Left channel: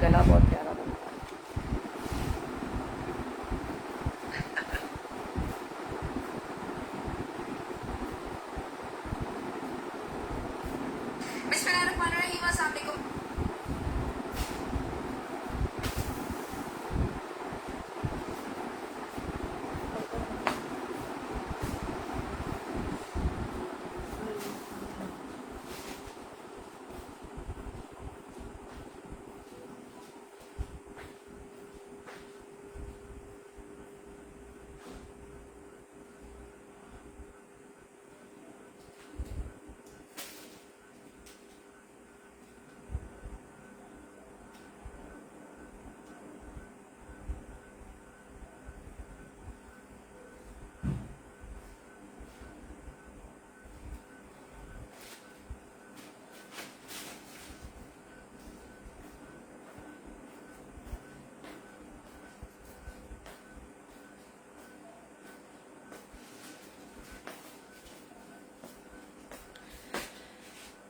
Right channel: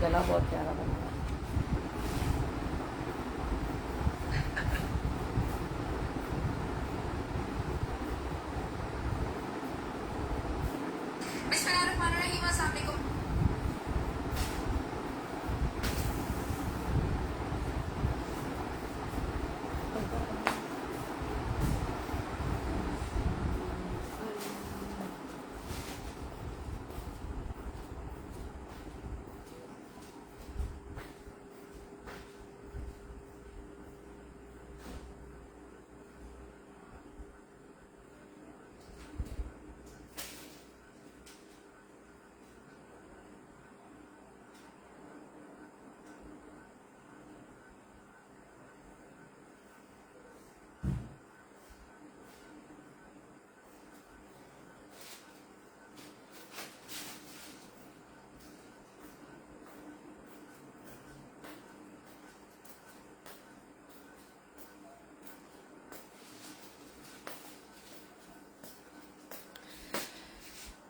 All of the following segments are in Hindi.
गला बहुत प्यारा बना हुआ है। बिस्मिल्लाहिर्रहमानिर्रहीम, अस्सलाम वालेकुम।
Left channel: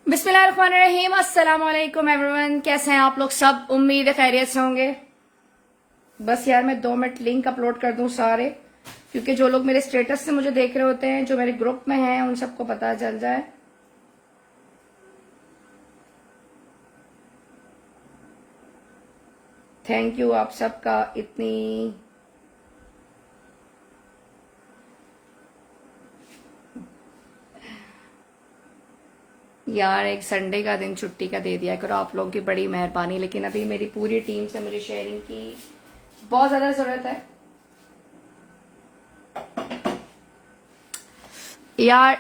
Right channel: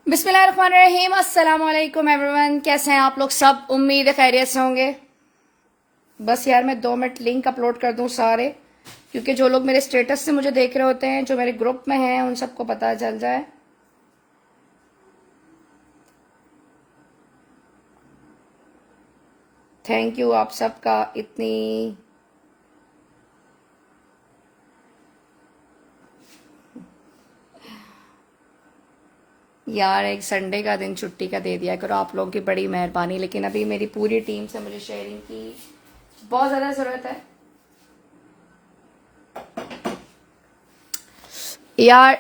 बिस्मिल्लाहिर्रहमानिर्रहीम, अस्सलाम वालेकुम एवरीवन। कैसे हैं आप लोग सब? उम्मीद है खैरियत से होंगे। बस यार मैं 2 मिनट लिंक अपलोड कर दूं सारे, क्योंकि जो लोग मेरे स्टेटस से मुझे देख रहे होते हैं, जो मेरे ग्रुप में हैं, उन सबको पता चल जाए। थैंक यू आप सबका इतनी यार एक संडे का दिन छुट्टी का दे दिया करो, आप लोगों की बड़ी मेहरबानी। लेकिन अभी मेरी पूरी टीम से मुझे शेयरिंग की बहुत ज्यादा जरूरत है यार।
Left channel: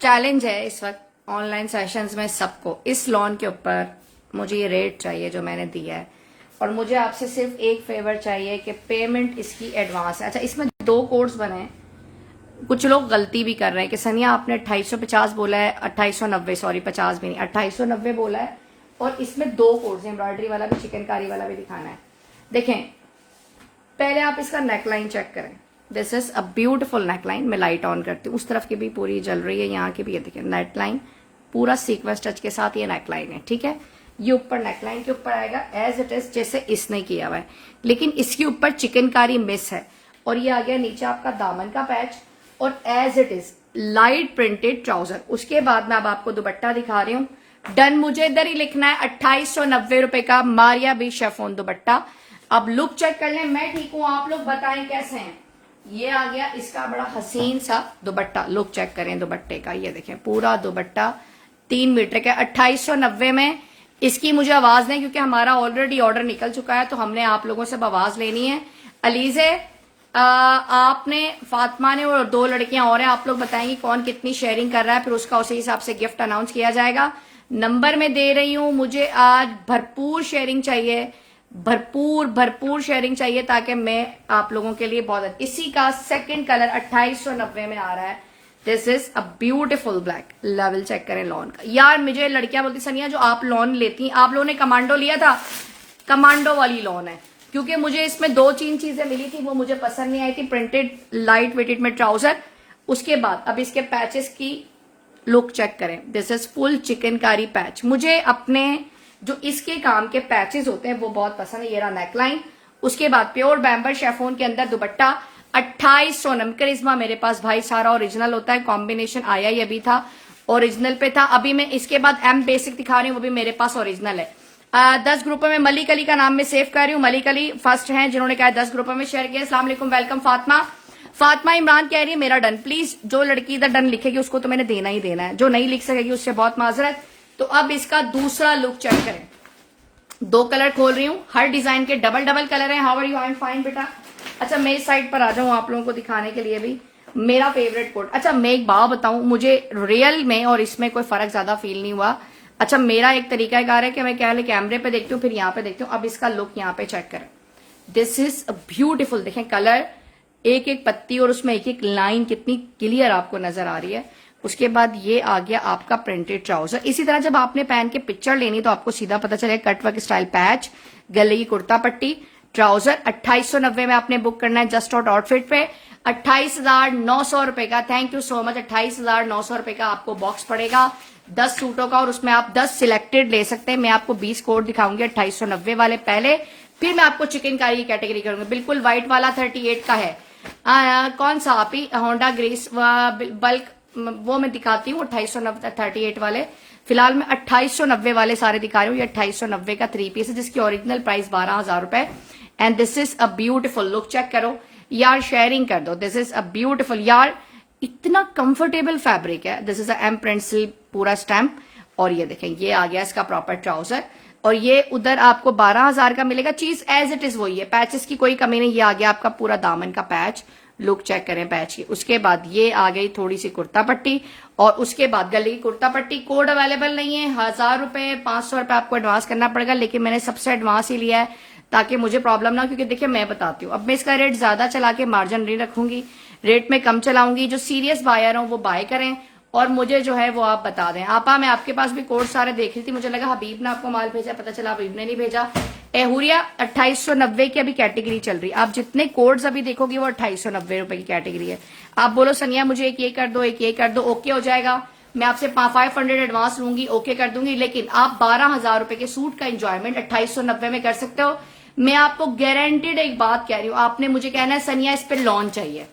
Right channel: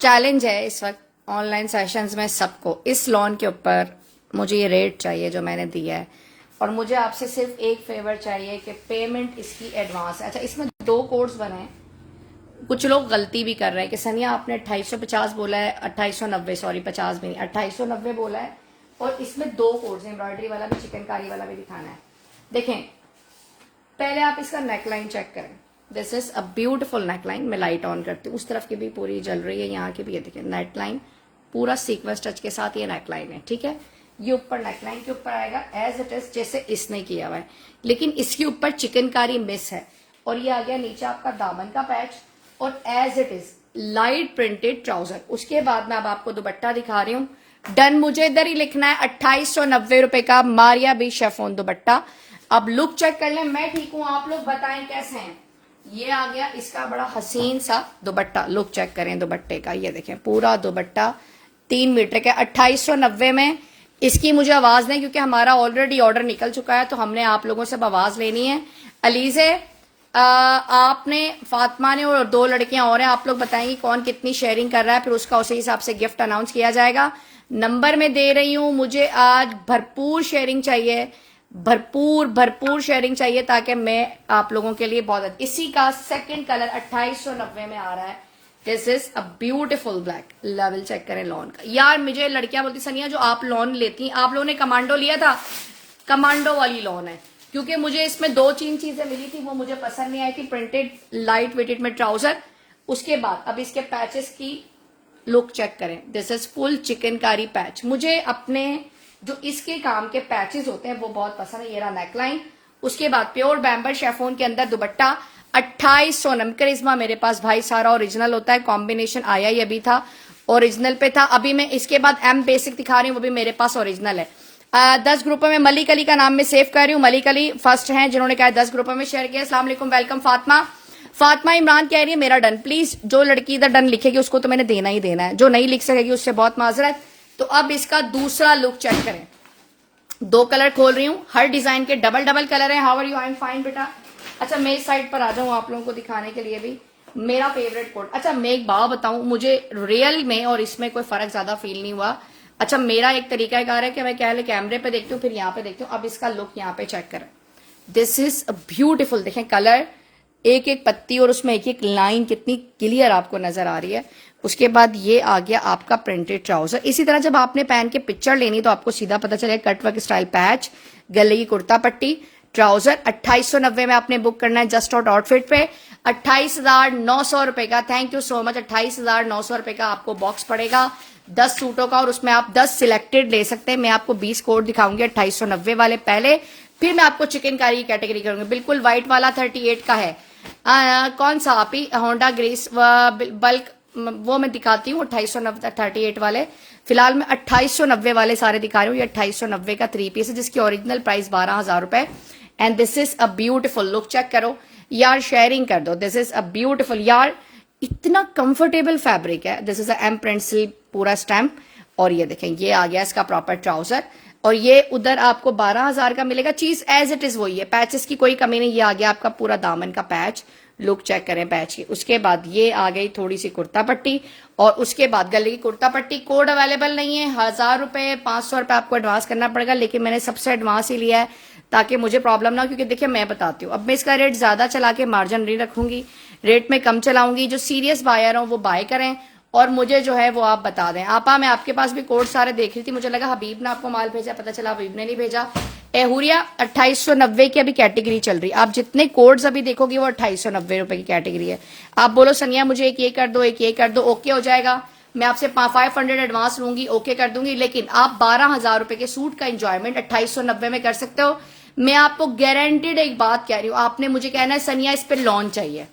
चैलेंज है इस वक्त ऑनलाइन सेशंस में सबको। इस लॉन के ऊपर मुझे ये रेट चाहिए जो मैंने दिया है, और मुझे आपसे सिर्फ एक फेवर चाहिए कि पेमेंट इसकी एडवांस है। अच्छा, इसमें 2 कोड्स बने हैं। कुछ लोग गलती भी कर रहे हैं कि सनिया आपने 2850 बोला है, 2890, सॉरी 50 भी नहीं, 2890 बोला है, और इसमें 2 कोड्स, एम्ब्रॉयडरी वाला भी चिकनकारी वाला भी दिखाना है। देखें, पहले आप इसका नेकलाइन चेक करें। This is a beautiful neckline. मैं लाइट ऑन करती हूँ, उस तरफ की भी पूरी जल रही है, यहाँ की भी। ये देखिए नेकलाइन पूरा सीक्वेंस टच के साथ ये नेकलाइन है, ठीक है। ये ऊपर नेकलाइन के ऊपर आएगा एज इट इज जैसे इसने किया हुआ है, लेकिन इसके ऊपर चिकनकारी मिस है। और ये आ गया नीचे आपका दामन का पैच, और as it is light printed trouser. उसके बाद मैं अब आपको दुपट्टा दिखा रही हूँ। डन, मुझे इधर ही लिखना है 2890 रुपए का मारिया बी शेफोन दुपट्टा। अब लुक चेक कर लें। मैं ठीक हूं, आप लोग बताएं कैसे हैं। ये आ गया इसका बड़ा हसीन सा दुपट्टा। लुक चेक करें दुपट्टे का, ये देखें पूरा दुपट्टा 3 मीटर का 2890 में। इसकी मुझे आवाज नहीं, क्योंकि हमारा ऑलरेडी ऑर्डर निकल चुका है, तो हमने आप लोगों से आवाज लेनी है। अलीजे, आपने, फातिमा ने, और 2 लड़कियां और हैं। आप लोग बताएंगे कौन कितनी शेयरिंग कर रहा है, फिर उसका उसी हिसाब से गिफ्ट अनाउंस किया जाएगा। नंबर में दे रही हूं, मुझे आज भरपूर शेयरिंग चाहिए, भरपूर शेयरिंग चाहिए, ताकि मैं आप लोगों के लिए बहुत। इसी का सेकंड कलर 2890 में आ रहा है। This is a beautiful black. Level check करें लॉन का। यार मुझे लड़कियां बोलती सनिया जो आप लॉन लेती, आप लोगों ने कमांडो लिया था, कमांडो वाली लॉन है, क्योंकि मुझे इसमें 2-3 चीजें मिली थी, वो मुझे पसंद नहीं आई थी। प्रिंटेड लाइट वेटेड में ट्राउजर, उसके बाद अब इसके पैचेस की लुक चेक करें। This is full chikankari patch. मुझे अपने जो इसके काम के पैचेस होते हैं वो बहुत पसंद है। ये रहा नेकलाइन, उसके बाद प्योर बैम्बर शेफोन के अंदर दुपट्टा 2890। करिश्मा मेरे पास भाई सारा ओरिजिनल होता है, कॉम्बिनेशन आया ही अभी था, ओरिजिनल पे था। अभी मैं इसके बाद एम बेसिक दिखा रही हूँ, वो भी मेरे पास ओरिजिनल है। 10 ग्रुपों में मलिक अली का नाम मैं सेव कर रही हूँ। मलिक अली फर्स्ट हैं जिन्होंने कहा 10 ग्रुपों में शेयर किया। अस्सलाम वालेकुम, वेलकम। फातिमा इमरान कह रही है मेरा डन। प्लीज जो लड़की इधर डन लिखेगी उसको तो मैंने देना ही देना है, जो नहीं लिख सकेगी उससे बहुत माजरत। तो अब इसका दूसरा लुक चेक करें। 2 कलर खोल रही हूँ, हर डिजाइन के डबल कलर है। How are you? I am fine बेटा। अच्छा, मैं इस साइड पर आ जाऊं आप लोगों को दिखाने के लिए भी मेरा फेवरेट कोड। अच्छा, मैं एक बात बताऊं, मुझे रियल में और इसमें कोई फर्क ज्यादा फील नहीं हुआ। अच्छा, मेरा एक तरीकाकार है कि मैं पहले कैमरे पे देखती हूँ, फिर यहाँ पे देखती हूँ। अब इसका लुक यहाँ पे चेक करें। This is beautiful. देखें कलर, एक एक पत्ती और उसमें एक एक लाइन कितनी क्लियर आपको नजर आ रही है। उसके बाद ये आ गया आपका प्रिंटेड ट्राउजर। इसी तरह जब आपने पहन के पिक्चर लेनी तो आपको सीधा पता चलेगा। कट वर्क स्टाइल पैच, गले की कुर्ता पट्टी, ट्राउजर 2890 में आपने बुक करना है जस्ट आउट आउटफिट पे। 28,900 रुपए का, थैंक यू सो मच, 28,900 रुपए का आपको बॉक्स पड़ेगा 10 सूटों का, और उसमें आप 10 सिलेक्टेड ले सकते हैं। मैं आपको 20 कोड दिखाऊंगी 2890 वाले पहले, फिर मैं आपको चिकनकारी की कैटेगरी करूंगी। बिल्कुल व्हाइट वाला 38 का है। कौन सा आप ही, होंडा ग्रेस बल्क, वो मैं दिखाती हूँ 2890 38 वाले। फिलहाल मैं 2890 वाले सारे दिखा रही हूँ। ये 2890 का 3 पीस है जिसकी ओरिजिनल प्राइस 12,000 रुपए। And this is a beautiful look, check करो यार, शेयरिंग कर दो। दिस इज अ ब्यूटीफुल यार, इतना कंफर्टेबल फैब्रिक है। This is a M print silk पूरा स्टैम्प, और ये देखें ये आ गया इसका प्रॉपर ट्राउजर, और ये उधर आपको 12,000 का मिलेगा। चीज एज इट इज वही है, पैचेस की कोई कमी नहीं। ये आ गया आपका पूरा दामन का पैच, लुक चेक करें पैच की। उसके बाद ये आ गई थोड़ी सी कुर्ता पट्टी, और उसके बाद गले की कुर्ता पट्टी। कोड अवेलेबल नहीं है, 1000 रुपए 500 रुपए आपको एडवांस करना पड़ेगा, लेकिन मैंने सबसे एडवांस ही लिया है ताकि मुझे प्रॉब्लम ना हो। क्योंकि देखिए मैं बताती हूँ, अब मैं इसका रेट ज्यादा चला के मार्जिन नहीं रखूंगी, रेट में कम चलाऊंगी। जो सीरियस बायर हो वो बाय करें, और मुझे जो है वो आप बता दें। आपा मैं आपके पास भी कोड सारे देख रही थी, मुझे लगा हबीब ने आपको माल भेजा, पता चला हबीब ने नहीं भेजा। एहुरिया 2890 की अभी कैटेगरी चल रही है। आप जितने कोड्स अभी देखोगे वो 2890 रुपए की कैटेगरी है। आप बोलो सनिया मुझे एक ये कर दो, एक ये कर दो, ओके हो जाएगा। मैं आपसे 500 एडवांस लूंगी, ओके कर दूंगी, लेकिन आप 12,000 रुपए के सूट का एंजॉयमेंट 2890 में कर सकते हो। मैं आपको गारंटीड एक बात कह रही हूँ, आपने मुझे कहना है सनिया इस पे लोन चाहिए,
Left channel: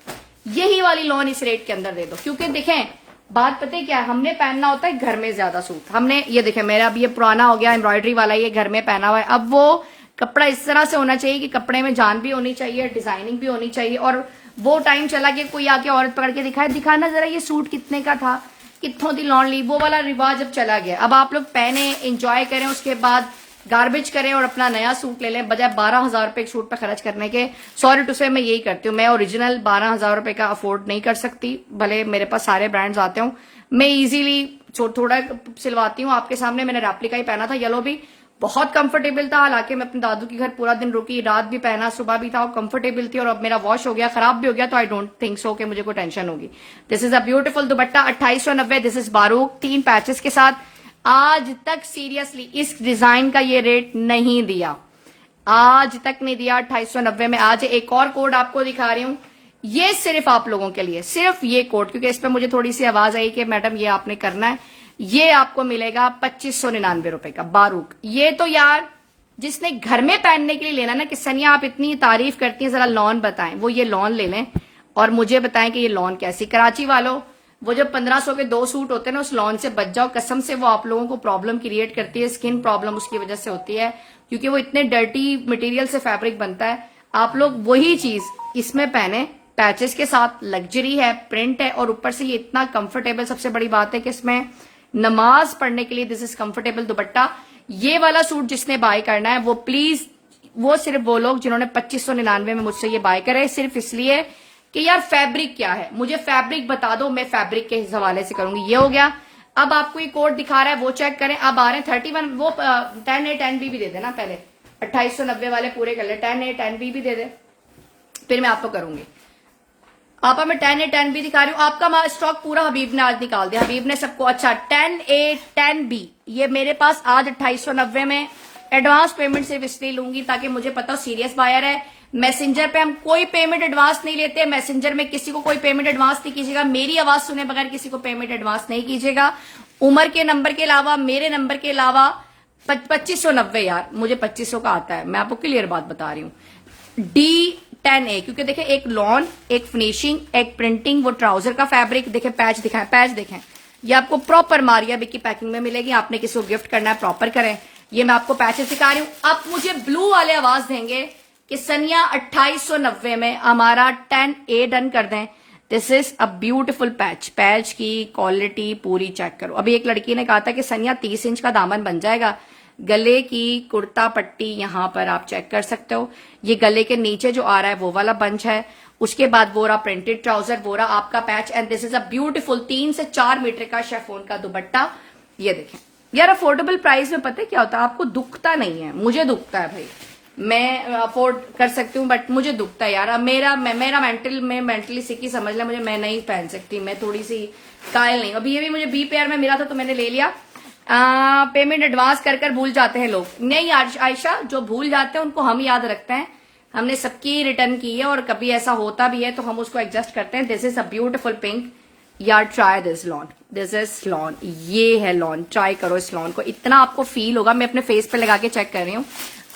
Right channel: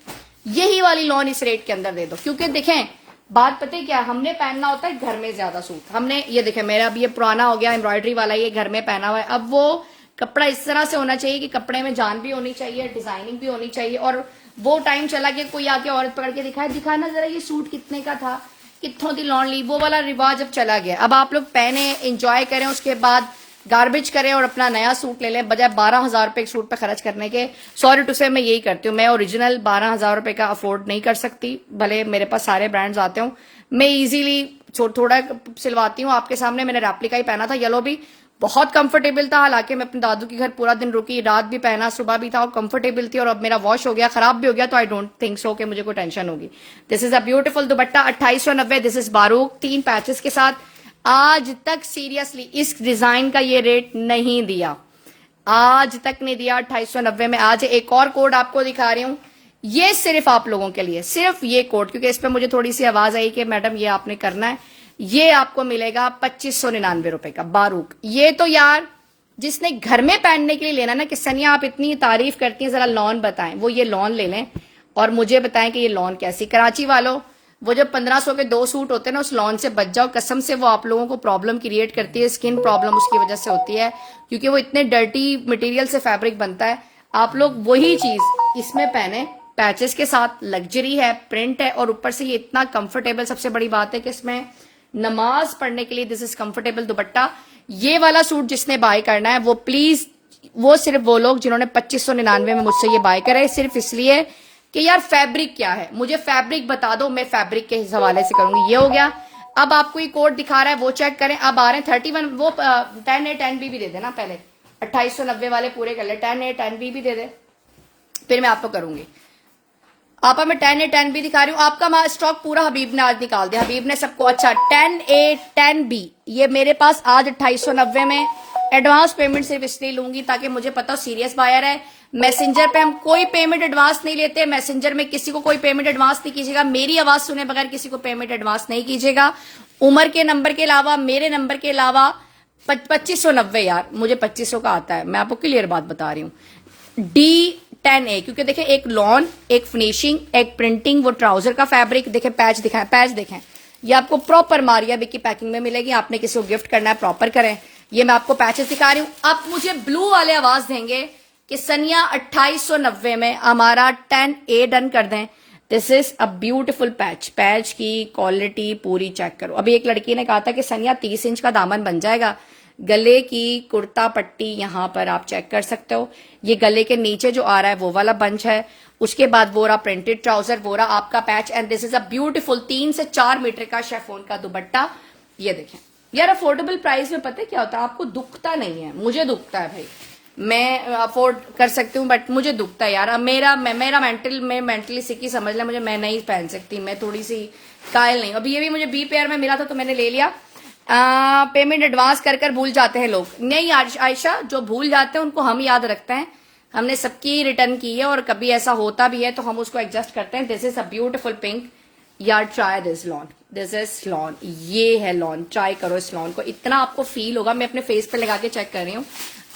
यही वाली लोन इस रेट के अंदर दे दो। क्योंकि देखें बात पता है क्या, हमने पहनना होता है घर में ज्यादा सूट। हमने ये देखें मेरा अब ये पुराना हो गया एम्ब्रॉयडरी वाला, ये घर में पहना हुआ है। अब वो कपड़ा इस तरह से होना चाहिए कि कपड़े में जान भी होनी चाहिए, डिजाइनिंग भी होनी चाहिए। और वो टाइम चला कि कोई आके औरत पकड़ के दिखाए, दिखाना जरा ये सूट कितने का था, कितों दी लॉन ली, वो वाला रिवाज अब चला गया। अब आप लोग पहने, एंजॉय करें, उसके बाद गार्बेज करें और अपना नया सूट ले लें, बजाय 12,000 रुपए एक सूट पे खर्च करने के। सॉरी टू से मैं यही करती हूँ, मैं ओरिजिनल 12,000 रुपए का अफोर्ड नहीं कर सकती, भले मेरे पास सारे ब्रांड्स आते हूँ। मैं इजीली थोड़ा सिलवाती हूँ। आपके सामने मैंने रेप्लिका ही पहना था, येलो भी बहुत कंफर्टेबल था। हालांकि मैं अपने दादू के घर पूरा दिन रुकी, रात भी पहना, सुबह भी था, और कंफर्टेबल थी। और अब मेरा वॉश हो गया, खराब भी हो गया, तो आई डोंट थिंक सो कि मुझे कोई टेंशन होगी। This is a beautiful dupatta 2890। This is Baruch 3 patches के साथ। आज तक सीरियसली इस डिजाइन का ये रेट नहीं दिया, आज तक नहीं दिया 2890 में। आज एक और कोड आपको दिखा रही हूं, ये सिर्फ आप लोगों के लिए, सिर्फ ये कोड, क्योंकि इस पर मुझे थोड़ी सी आवाज आई कि मैडम ये आपने करना है। ये आपको मिलेगा 2599 रुपए का बारूक। ये तो यार जिसने घर में पहनने के लिए लेना ना, कि सनिया आप इतनी तारीफ करती हैं, जरा लॉन बताएं, वो ये लॉन ले लें और मुझे बताएं कि ये लॉन कैसी। कराची वालों, वो जो 1500 के 2 सूट होते हैं ना, उस लॉन से बच जाओ, कसम से वो आप लोगों को प्रॉब्लम क्रिएट करती है, स्किन प्रॉब्लम उसकी वजह से होती है, क्योंकि वो इतने डर्टी मटेरियल से फैब्रिक बनता है। आप लोग वही चीज इसमें पहने, पैचेस के साथ, लग्जरी है, प्रिंट है, और ऊपर से ये इतना कंफर्टेबल। सबसे बड़ी बात है कि इसमें नमाज पढ़ने के लिए दिस इज कंफर्टेबल दुपट्टा। ये वाला सूट जिसने बाय करना है वो प्लीज, वो सिर्फ वो लोग जिन्होंने 2599 में मुझसे ये बाय करा है, सिर्फ इसलिए कि यार फैब्रिक क्या है, मुझे फैब्रिक बता दो, मैं फैब्रिक के हवाले से करूंगी। ये हो गया। अब आपको ये कोड दिखा रहा है वो चेक करें। अब आ रहे हैं 31, वो 10A 10B भी दे देना पहले, 2890 वाले पूरे कर ले, 10A 10B भी दे दे, फिर मैं आपको करूंगी। आपा मैं 10A 10B दिखा रही हूँ। आपका स्टॉक पूरा हबीब ने आज निकाल दिया, हबीब ने सबको। अच्छा 10A 10B ये मेरे पास आज 2890 में। एडवांस पेमेंट सिर्फ इसलिए लूंगी ताकि मुझे पता हो सीरियस बायर है। मैसेंजर पे हम कोई पेमेंट एडवांस नहीं लेते, मैसेंजर में किसी को कोई पेमेंट एडवांस नहीं कीजिएगा। मेरी आवाज सुने बगैर किसी को पेमेंट एडवांस नहीं कीजिएगा। उमर के नंबर के अलावा, मेरे नंबर के अलावा 2590 यार, मुझे 2500 का आता है, मैं आपको क्लियर बात बता रही हूँ। D10A, क्योंकि देखें एक लॉन, एक फिनिशिंग, एक प्रिंटिंग, वो ट्राउजर का फैब्रिक देखें, पैच दिखाएं, पैच देखें, ये आपको प्रॉपर मारिया बिकी पैकिंग में मिलेगी। आपने किसी को गिफ्ट करना है प्रॉपर करें। ये मैं आपको पैचेस दिखा रही हूँ। आप मुझे ब्लू वाले आवाज देंगे कि सनिया 2890 में हमारा 10A डन कर दें। This is a beautiful patch, patch की क्वालिटी पूरी चेक करो। अभी एक लड़की ने कहा था कि सनिया 30 इंच का दामन बन जाएगा। गले की कुर्ता पट्टी यहां पर आप चेक कर सकते हो, ये गले के नीचे जो आ रहा है वो वाला बंच है। उसके बाद वो रहा प्रिंटेड ट्राउजर, वो रहा आपका patch, and this is a beautiful 3 से 4 मीटर का शेफोन का दुपट्टा। ये देखें यार, अफोर्डेबल प्राइस में पता है क्या होता है, आपको दुखता नहीं है, मुझे दुखता है भाई। मैं अफोर्ड कर सकती हूँ बट मुझे दुखता है यार। अब मेरा मेंटली सिकी समझ ले मुझे, मैं नहीं पहन सकती, मैं थोड़ी सी कायल नहीं। अभी ये भी मुझे बी पेयर में मिला था तो मैंने ले लिया। पेमेंट एडवांस कर भूल जाते हैं लोग। नहीं आयशा, जो भूल जाते हैं उनको हम याद रखते हैं। हमने सबकी रिटर्न की है और कभी ऐसा होता भी है तो हम उसको एडजस्ट करते हैं। This is a beautiful pink यार, try this lawn, this is lawn, ये है लॉन, ट्राई करो इस लॉन को, इतना आपको फील होगा। मैं अपने फेस पे लगा के चेक कर रही हूँ,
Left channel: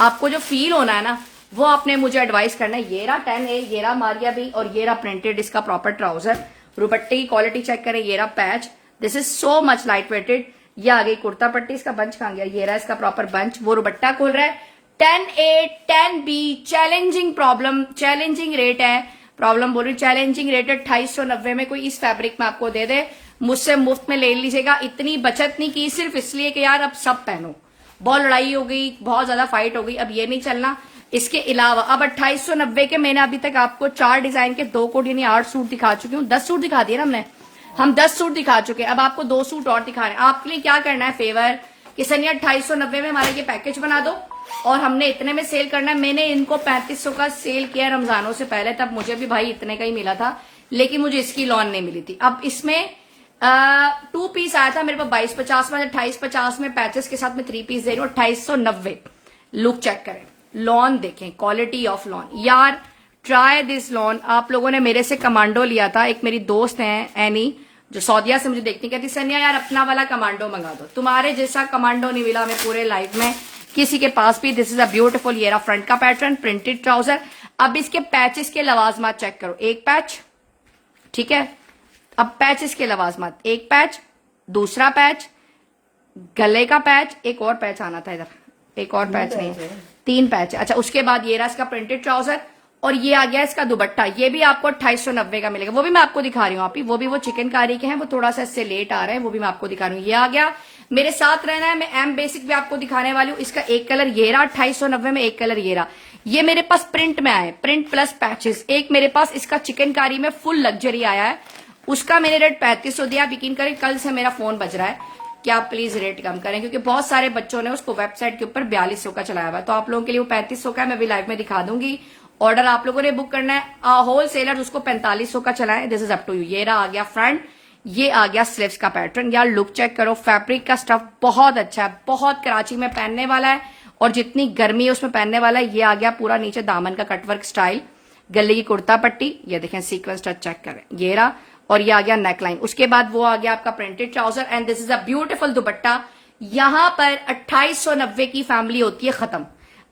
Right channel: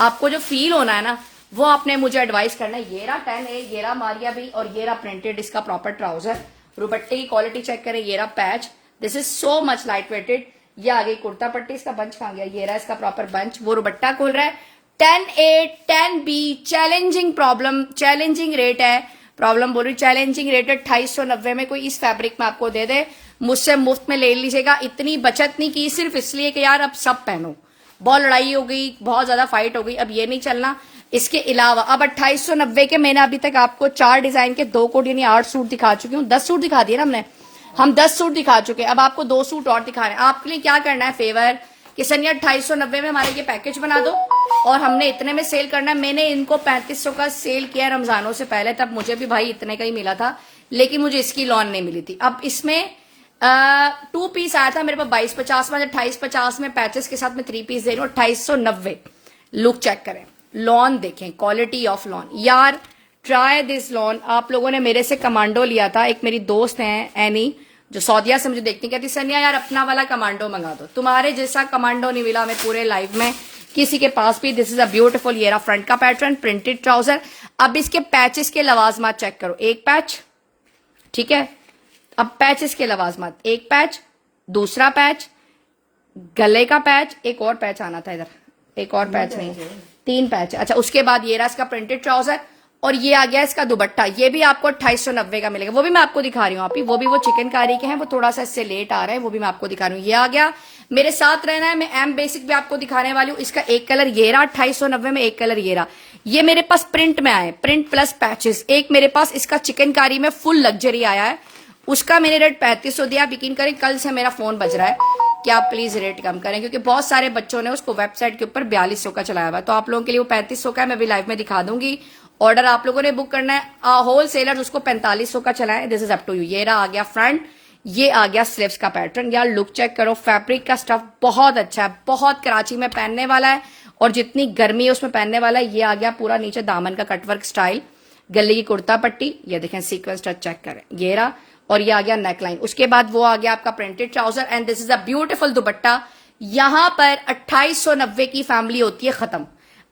आपको जो फील होना है ना वो आपने मुझे एडवाइस करना है। ये रहा 10A, ये रहा मारिया भी, और ये रहा प्रिंटेड इसका प्रॉपर ट्राउजर। दुपट्टे की क्वालिटी चेक करें, ये रहा patch, this is so much light weighted. ये आ गई कुर्ता पट्टी, इसका बंच कहां गया, ये रहा इसका प्रॉपर बंच, वो दुपट्टा खुल रहा है। 10A 10B challenging problem, challenging rate है, प्रॉब्लम बोल रही चैलेंजिंग रेट है 2890 में। कोई इस फैब्रिक में आपको दे दे, मुझसे मुफ्त में ले लीजिएगा। इतनी बचत नहीं की सिर्फ इसलिए कि यार अब सब पहनो, बहुत लड़ाई हो गई, बहुत ज्यादा फाइट हो गई, अब ये नहीं चलना। इसके अलावा अब 2890 के मैंने अभी तक आपको 4 डिजाइन के 2 कोट यानी 8 सूट दिखा चुकी हूँ। 10 सूट दिखा दिए ना हमने, हम 10 सूट दिखा चुके हैं। अब आपको 2 सूट और दिखा रहे हैं। आपके लिए क्या करना है फेवर कि सनिया 2890 में हमारे ये पैकेज बना दो और हमने इतने में सेल करना है। मैंने इनको 3500 का सेल किया रमजानों से पहले, तब मुझे भी भाई इतने का ही मिला था, लेकिन मुझे इसकी लॉन नहीं मिली थी। अब इसमें 2 पीस आया था मेरे पास 2250 में, 2850 में पैचेस के साथ में 3 पीस दे रही हूँ 2890। लुक चेक करें, लॉन देखें, क्वालिटी ऑफ लॉन यार, ट्राई दिस लॉन। आप लोगों ने मेरे से कमांडो लिया था, एक मेरी दोस्त है एनी जो सऊदिया से मुझे देखती, कहती सनिया यार अपना वाला कमांडो मंगा दो, तुम्हारे जैसा कमांडो नहीं मिला हमें पूरे लाइफ में किसी के पास भी। दिस इज अ ब्यूटीफुल, ये रहा फ्रंट का पैटर्न, प्रिंटेड ट्राउजर। अब इसके पैचेस के लवाजमात चेक करो, एक पैच, ठीक है, अब पैचेस के लवाजमात, एक पैच, दूसरा पैच, गले का पैच, एक और पैच आना था इधर, एक और पैच नहीं, 3 पैच। अच्छा, उसके बाद ये रहा इसका प्रिंटेड ट्राउजर और ये आ गया इसका दुपट्टा। ये भी आपको 2890 का मिलेगा, वो भी मैं आपको दिखा रही हूँ। आप ही वो भी वो चिकनकारी के हैं, वो थोड़ा सा इससे लेट आ रहे हैं, वो भी मैं आपको दिखा रही हूँ। ये आ गया, मेरे साथ रहना है, मैं एम बेसिक भी आपको दिखाने वाली हूँ। इसका एक कलर ये रहा 2890 में, एक कलर ये रहा। ये मेरे पास प्रिंट में आए, प्रिंट प्लस पैचेस। एक मेरे पास इसका चिकनकारी में फुल लग्जरी आया है, उसका मैंने रेट 3500 दिया। आप यकीन करें कल से मेरा फोन बज रहा है कि आप प्लीज रेट कम करें, क्योंकि बहुत सारे बच्चों ने उसको वेबसाइट के ऊपर 4200 का चलाया हुआ है। तो आप लोगों के लिए वो 3500 का है, मैं भी लाइव में दिखा दूंगी। ऑर्डर आप लोगों ने बुक करना है, होल सेलर उसको 4500 का चलाए, this is up to you. ये रहा आ गया फ्रंट, ये आ गया स्लीव्स का पैटर्न। यार लुक चेक करो, फैब्रिक का स्टफ बहुत अच्छा है, बहुत कराची में पहनने वाला है और जितनी गर्मी है उसमें पहनने वाला है। ये आ गया पूरा नीचे दामन का कटवर्क स्टाइल, गले की कुर्ता पट्टी, ये देखें सीक्वेंस टच चेक करें, ये रहा, और ये आ गया नेकलाइन। उसके बाद वो आ गया आपका printed trouser and this is a beautiful दुपट्टा। यहां पर 2890 की फैमिली होती है खत्म।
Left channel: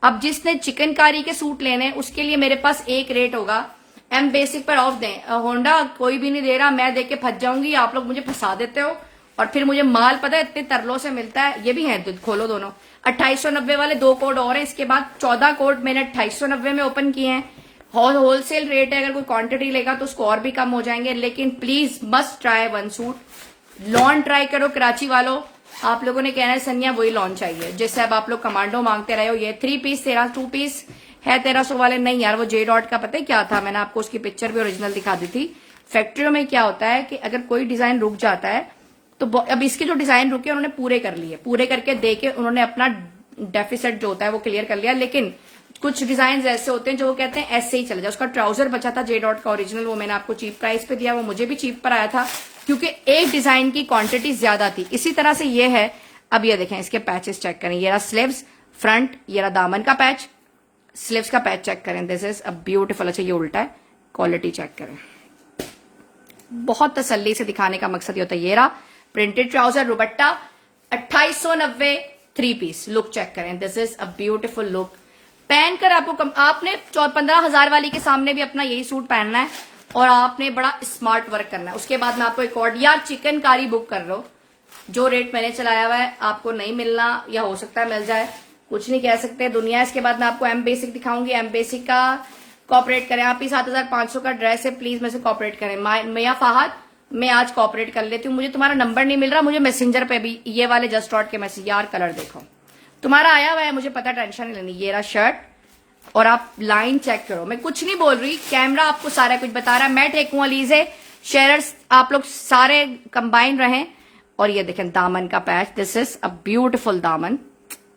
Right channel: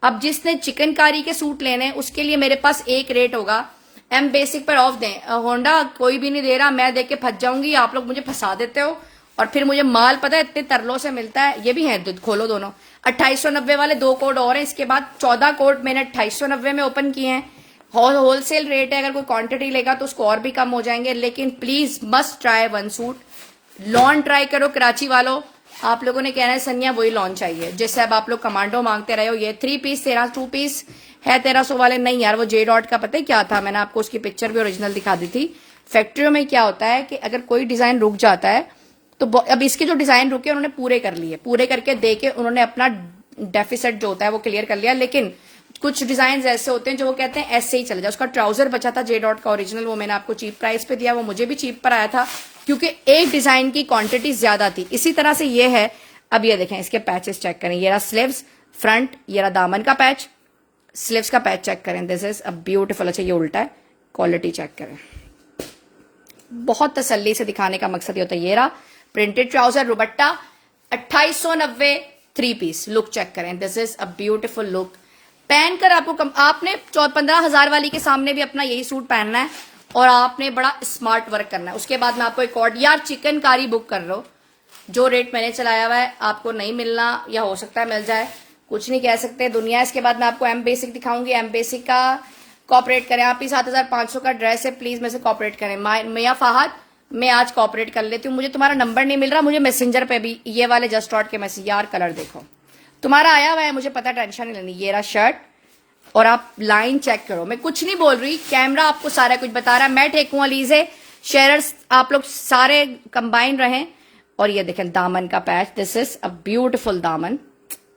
अब जिसने चिकनकारी के सूट लेने उसके लिए मेरे पास एक रेट होगा, एम बेसिक पर ऑफ दें, होंडा कोई भी नहीं दे रहा, मैं देख के फंस जाऊंगी, आप लोग मुझे फंसा देते हो और फिर मुझे माल पता है इतने तरलों से मिलता है। ये भी है, खोलो दोनों, 2890 वाले 2 कोड और हैं। इसके बाद 14 कोड मैंने 2890 में ओपन किए हैं। होलसेल रेट है, अगर कोई क्वांटिटी लेगा तो उसको और भी कम हो जाएंगे, लेकिन please must try 1 suit, lawn try करो कराची वालों। आप लोगों ने कहना है सनिया वही लॉन चाहिए, जैसे अब आप लोग कमांडो मांगते रहे हो। ये 3 पीस तेरा 2 पीस है 1300 वाले, नहीं यार वो जे डॉट का पता है क्या था, मैंने आपको उसकी पिक्चर भी ओरिजिनल दिखा दी थी। फैक्ट्रियों में क्या होता है कि अगर कोई डिजाइन रुक जाता है तो अब इसके जो डिजाइन रुके उन्होंने पूरे कर लिए, पूरे करके देके उन्होंने अपना डेफिसिट जो होता है वो क्लियर कर लिया। लेकिन कुछ डिजाइन ऐसे होते हैं जो वो कहते हैं ऐसे ही चलेगा। उसका ट्राउजर बचा था जे डॉट का ओरिजिनल, वो मैंने आपको चीप प्राइस पे दिया, वो मुझे भी चीप पर आया था क्योंकि एक डिजाइन की क्वांटिटी ज्यादा थी। इसी तरह से ये है। अब ये देखें इसके पैचेस चेक करें, ये रहा स्लीव्स फ्रंट, ये रहा दामन का पैच, स्लीव्स का पैच चेक करें, दिस इज अ ब्यूटीफुल। अच्छा ये उल्टा है, क्वालिटी चेक करें, बहुत तसल्ली से दिखाने का मकसद ये होता है। ये रहा printed trouser, dupatta 2890 3 piece. Look check करें, this is a beautiful look. पहनकर आपको आपने 15,000 वाली के सामने भी अपना यही सूट पहनना है और आपने बड़ा स्मार्ट वर्क करना है। उसके बाद मैं आपको एक और यार चिकनकारी बुक कर लो, जो रेट मैंने चलाया हुआ है आपको नहीं मिलना या हो सकता है मिल जाए, कुछ नहीं कह सकते दुनिया। इसके बाद मैं आपको एम बेसिक दिखाऊंगी, एम बेसिक का कॉपरेट करें। आप ही 7500 का ड्रेस है, प्लीज मेरे से कॉपरेट करें। मियां फाहद, मैं आज कॉपरेट कर लेती हूँ, मुझे तुम्हारा नंबर नहीं मिल रहा, मुझे मैसेंजर पे भी ये वाले जस्ट डॉट के मैसेज, यार कलर देखो तुम्हारा आया हुआ है, मुझे पता, टेंशन नहीं लेनी। ये रहा शर्ट और आप लाइन चेक करो, मैं कुछ नहीं बोल रही, कैमरा आपको सारा कुछ बता रहा है। मैं टेकू अलीजे शेयरर्स आप लोग सारे कंबाइन रहें। और ये देखें दामन का patch, this is a beautiful दामन,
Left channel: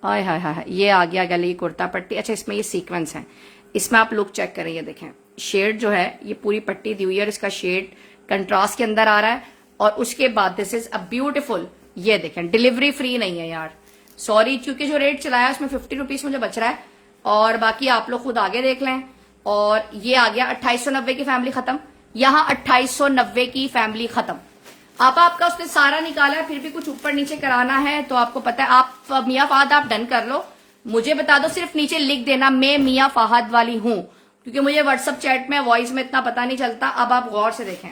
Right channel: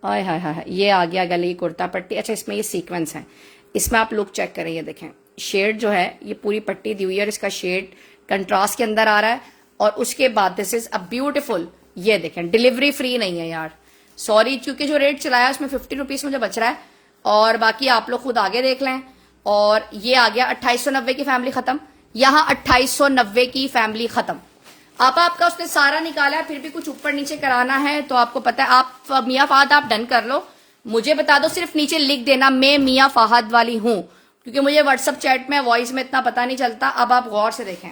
हाय हाय हाय, ये आ गया गले की कुर्ता पट्टी। अच्छा इसमें ये सीक्वेंस है, इसमें आप लुक चेक करें, ये देखें शेड जो है ये पूरी पट्टी दी हुई है, इसका शेड कंट्रास्ट के अंदर आ रहा है। और उसके बाद दिस इज अ ब्यूटीफुल, ये देखें डिलीवरी फ्री नहीं है यार, सॉरी, क्योंकि जो रेट चलाया उसमें 50 रुपीज मुझे बच रहा है और बाकी आप लोग खुद आगे देख लें। और ये आ गया 2890 की फैमिली खत्म। यहाँ 2890 की फैमिली खत्म। आपका उसने सारा निकाला, फिर भी कुछ ऊपर नीचे कराना है तो आपको पता है, आप मियाँ फहद आप डन कर लो, मुझे बता दो, सिर्फ नीचे लिख देना मैं मियाँ फहद वाली हूं, क्योंकि मुझे व्हाट्सएप चैट में वॉइस में इतना पता नहीं चलता। अब आप गौर से देखें,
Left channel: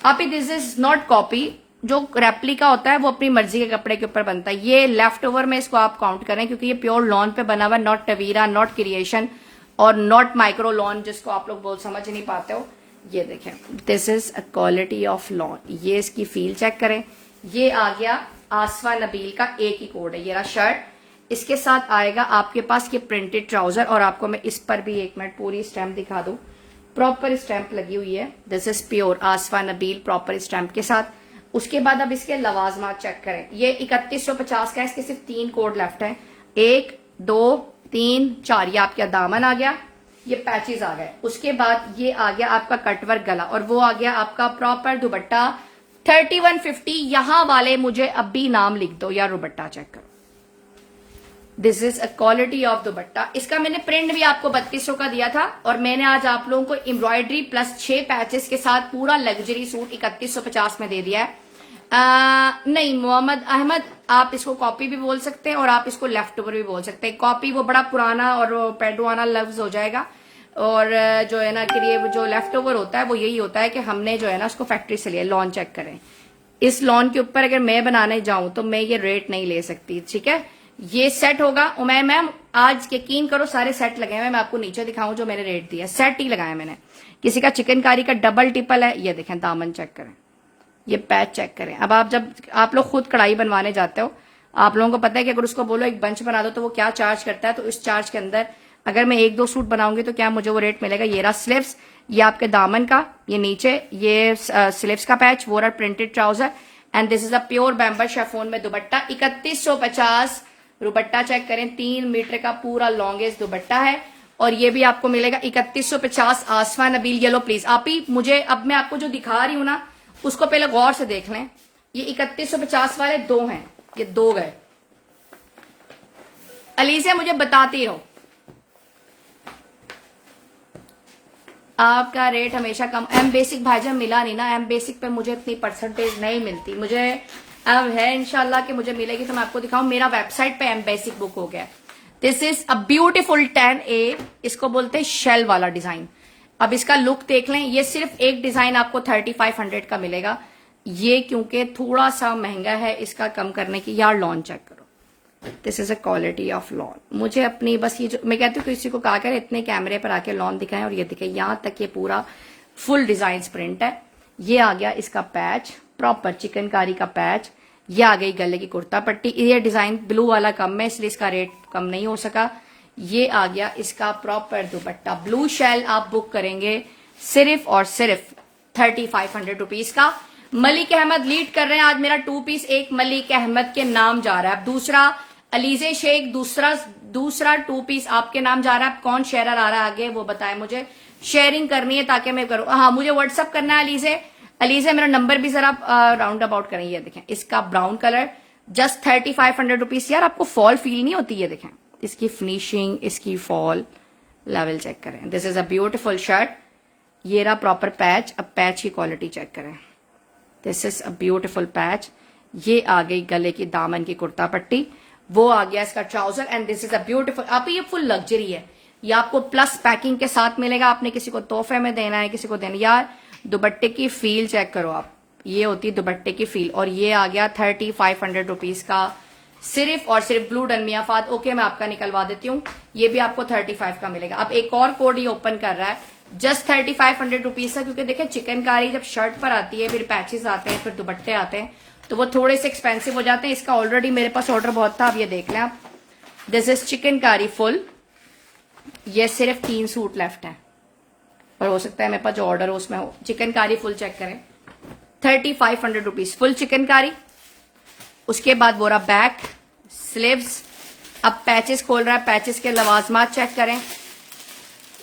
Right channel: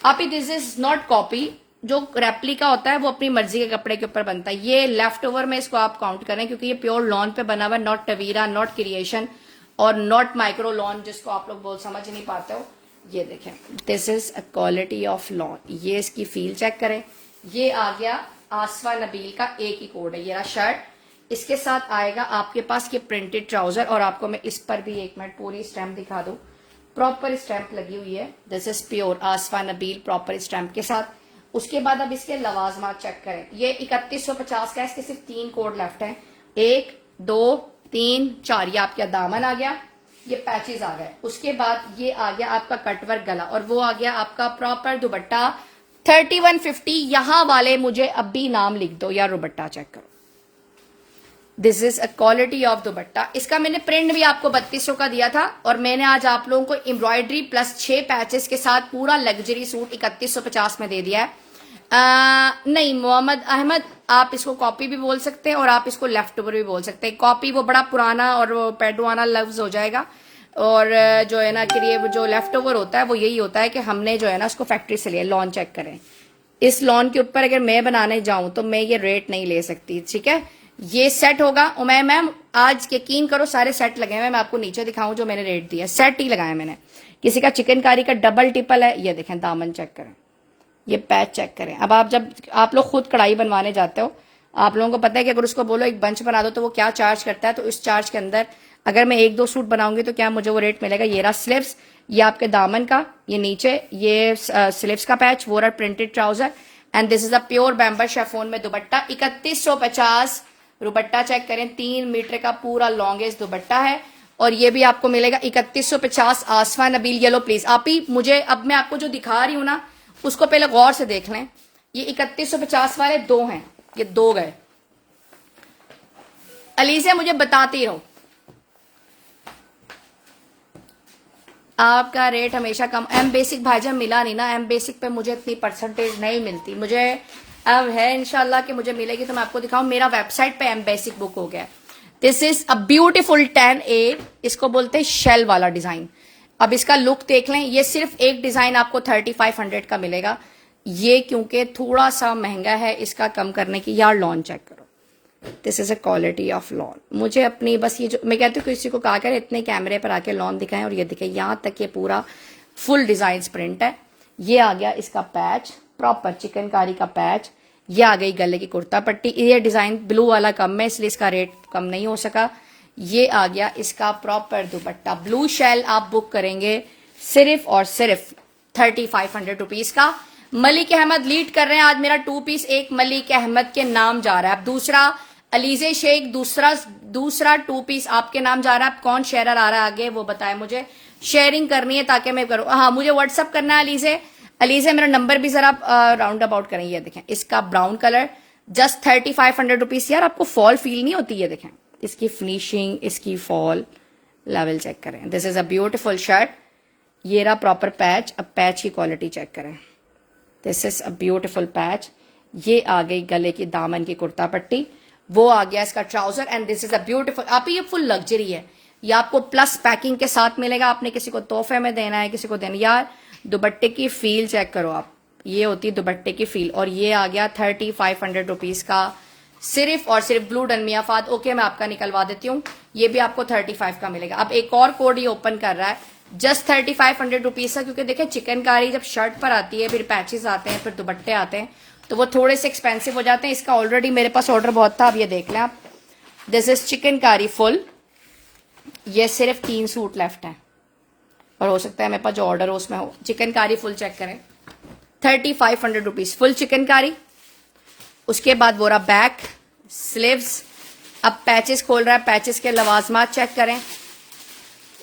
आप दिस इज नॉट कॉपी। जो रेप्लिका होता है वो अपनी मर्जी के कपड़े के ऊपर बनता है। ये लेफ्ट ओवर में इसको आप काउंट करें, क्योंकि ये प्योर लॉन पे बना हुआ, नॉट टवीरा, नॉट क्रिएशन और नॉट माइक्रो लॉन, जिसको आप लोग बहुत समझ नहीं पाते हो। ये देखें, this is a quality of lawn. ये इसकी फील चेक करें। ये आ गया आसवा नबील का एक ही कोड है, ये रहा शर्ट, इसके साथ आएगा आपके पास ये प्रिंटेड ट्राउजर, और आपको मैं इस पर भी एक मिनट पूरी स्टैम्प दिखा दूं, प्रॉपर स्टैम्प लगी हुई है। दिस इज प्योर आसवा नबील प्रॉपर स्टैम्प के साथ। उसके बाद अब इसके लवाजमात चेक करें। ये 3150 का है, इसके सिर्फ 3 कोड लेफ्ट हैं, 1 2 3 4। ये आपका दामन आ गया, ये पैचेस आ गए। उसके बाद ये आ गया आपका कटवर्क गला, और वो आ गया आपका प्रॉपर दुपट्टा 3150। यहां वाले मुझे अब भी नाम लिख दो या दुपट्टा चेक करो। This is a quality of दुपट्टा। इसका मैंने प्रिंट भी आपको 3200 का दिया था, और मैंने आज आप लोगों को एम्ब्रॉयडरी प्लस 6 पैचेस के साथ पूरा लग्जरी सूट 3150 में दे दिया है। नहीं मोहम्मद अहमद, आप इसको कॉपी भी बोल सकते हैं और आप इसको लेफ्ट ओवर भी बोल सकते हैं। कॉपी वो बड़ा पुराना और वो पेडवाना लफ्ज हो जाएगा, और जो है ना कि ये जो लेफ्ट ओवर होता है वो यही होता है कि हमने जो है ना उसको फैक्ट्री से लिया। लॉन चेक करें, इस लॉन के ऊपर अगर मैं बनाने जाऊं तो मैं ये रेट नहीं ले सकती, ठीक है। ये सेट होगा उमय मैम, आज यकीन करो सारे सेट लगे हुए। मैं आपको नीचे दिखाऊं जो मैंने रेट दिया, सेट ही लगाया मैंने। किसी का चिकनकारी का डबल टिपल है, ये देखें दामन चेक करें, ये पैच चेक करें। अब जब आप लोग खुद कढ़ाई बनवाने जाते हो, आप लोगों को पता है कि अगर उसको बोलो एक बंच बना दो तो वो क्या चार्ज करता है। तो इस चार्ज के अंदर अगर मैं 1-2 सूट बनाऊंगी तो क्या मुझे वो रेट मिलेगा। ये रहा स्लीव्स, ये आपके दामन का, ये नीचे ये स्लीव्स का पैच, वो रहा printed trouser, and this is a pure बैम्बर chiffon में दुपट्टा 3150। दुपट्टा चेक करें, 3 मीटर का पूरा लॉन्गेस्ट दुपट्टा है, और ये भी आपको मिलेगा 3150। आसमा नबील येलो प्लीज आप ही मुझे, अब मैं आपको जो दिखा रही हूं ना उसको पहले गौर से देख लें। ये 3150 वाले 2 हैं, ये 2 गए। अली से मुझे बताती रहो, आपका रेट हमेशा कम। एम बेसिक भाईजान मिला नहीं ना, एम बेसिक पे मुझे इतनी परसेंटेज नहीं मिलती। मुझे अब है इंशाल्लाह कि मुझे मिलेगी तो मैं आपको दिखाऊं। मेरा वेबसाइट पे एम बेसिक बुक हो गया। This is a beautiful 10A, इसको बोलते हैं शेल वाला डिजाइन। अब इसका लुक देख लें, ये सिर्फ एक डिजाइन आपको 3500 का मिलेगा। ये क्योंकि थोड़ा सा महंगा है, इसका कम करने की। यार लॉन चेक करो, this is a quality of lawn. मुझे अपनी बस ये जो मैं कहती हूँ किसी को कहा कर इतने कैमरे पर आके लॉन दिखाएं, और ये दिखे यहां तक ये पूरा फुल डिजाइन प्रिंट है। ये आ गया इसका पैच, प्रॉपर चिकनकारी का पैच। ये आ गई गले की कुर्ता पट्टी। ये डिजाइन ब्लू वाला कम है इसलिए इसका रेट कम नहीं हो सका। ये आ गया इसका प्रॉपर दुपट्टा, ब्लू शेल आप बुक करेंगे सिर्फ और सिर्फ 3500 रुपीज का। मलिक अहमद लीड कर रहे हैं आज, मेरा 2 पीस एक मलिक अहमद के नाम जा रहा है। अब दूसरा अलीजे शेख, दूसरा 2 पीस आपके नाम जा रहा है। कौन शेयर आ रहा है आगे वो बताए मुझे, शेयरिंग करनी है ताकि मैं करूं। हाँ मुझे व्हाट्सअप करना है अलीजे मेरा नंबर भी जरा राउंड अबाउट करें। ये देखें इसका ब्राउन कलर, जस्ट 3500 रुपीज। यार आपको फॉल फील नहीं होती, ये देखें इसकी फिनिशिंग, इसकी फॉल लेवल चेक करें। This is a beautiful shirt. ये रहा प्रॉपर पैच। अब पैच की क्वालिटी चेक करें, this is a beautiful patch. ये आ गई गले की दामन की कुर्ता पट्टी, वो आ गया इसका trouser, and this is a beautiful. आप ये फुल लग्जरी है, ये आपको प्लस पैकिंग के साथ मिलेगा। आपने किसी को तोहफे में देना है, किसी को देना। यार दुपट्टे की फील चेक करो आप, ये होती है दुपट्टे की फील। और ये आ गया 3500 रुपीज का, सिर्फ और सिर्फ ब्लू डन मियां फहद। ओके मैं आपका निकलवा देती हूँ, ये भी आपको 35 का मिलेगा। अब एक और कोड ये ओपन कर रहा है, जस्ट 3500 रुपीज का, क्योंकि देखिए चिकनकारी जब शर्ट पर आती है, फिर पैचेस आते हैं, फिर दुपट्टे आते हैं, तो वो थोड़े से एक्सपेंसिव हो जाते हैं। इसका ऑलरेडी मेरे पास ऑर्डर बहुत था, अब ये देख लें आप। दिस इज चिकनकारी फुल, ये सिर्फ 3 सूट लेफ्ट हैं, और हो सकता है मेरे पास जो ऑर्डर हो उसमें हो। चिकनकारी फुल चेक करें, 3500 रुपीज फुल चिकनकारी। उसके बाद वो रहा बैक स्लीव्स। अब पैचेस खोल रहा है, पैचेस के लवाजमात चेक करें।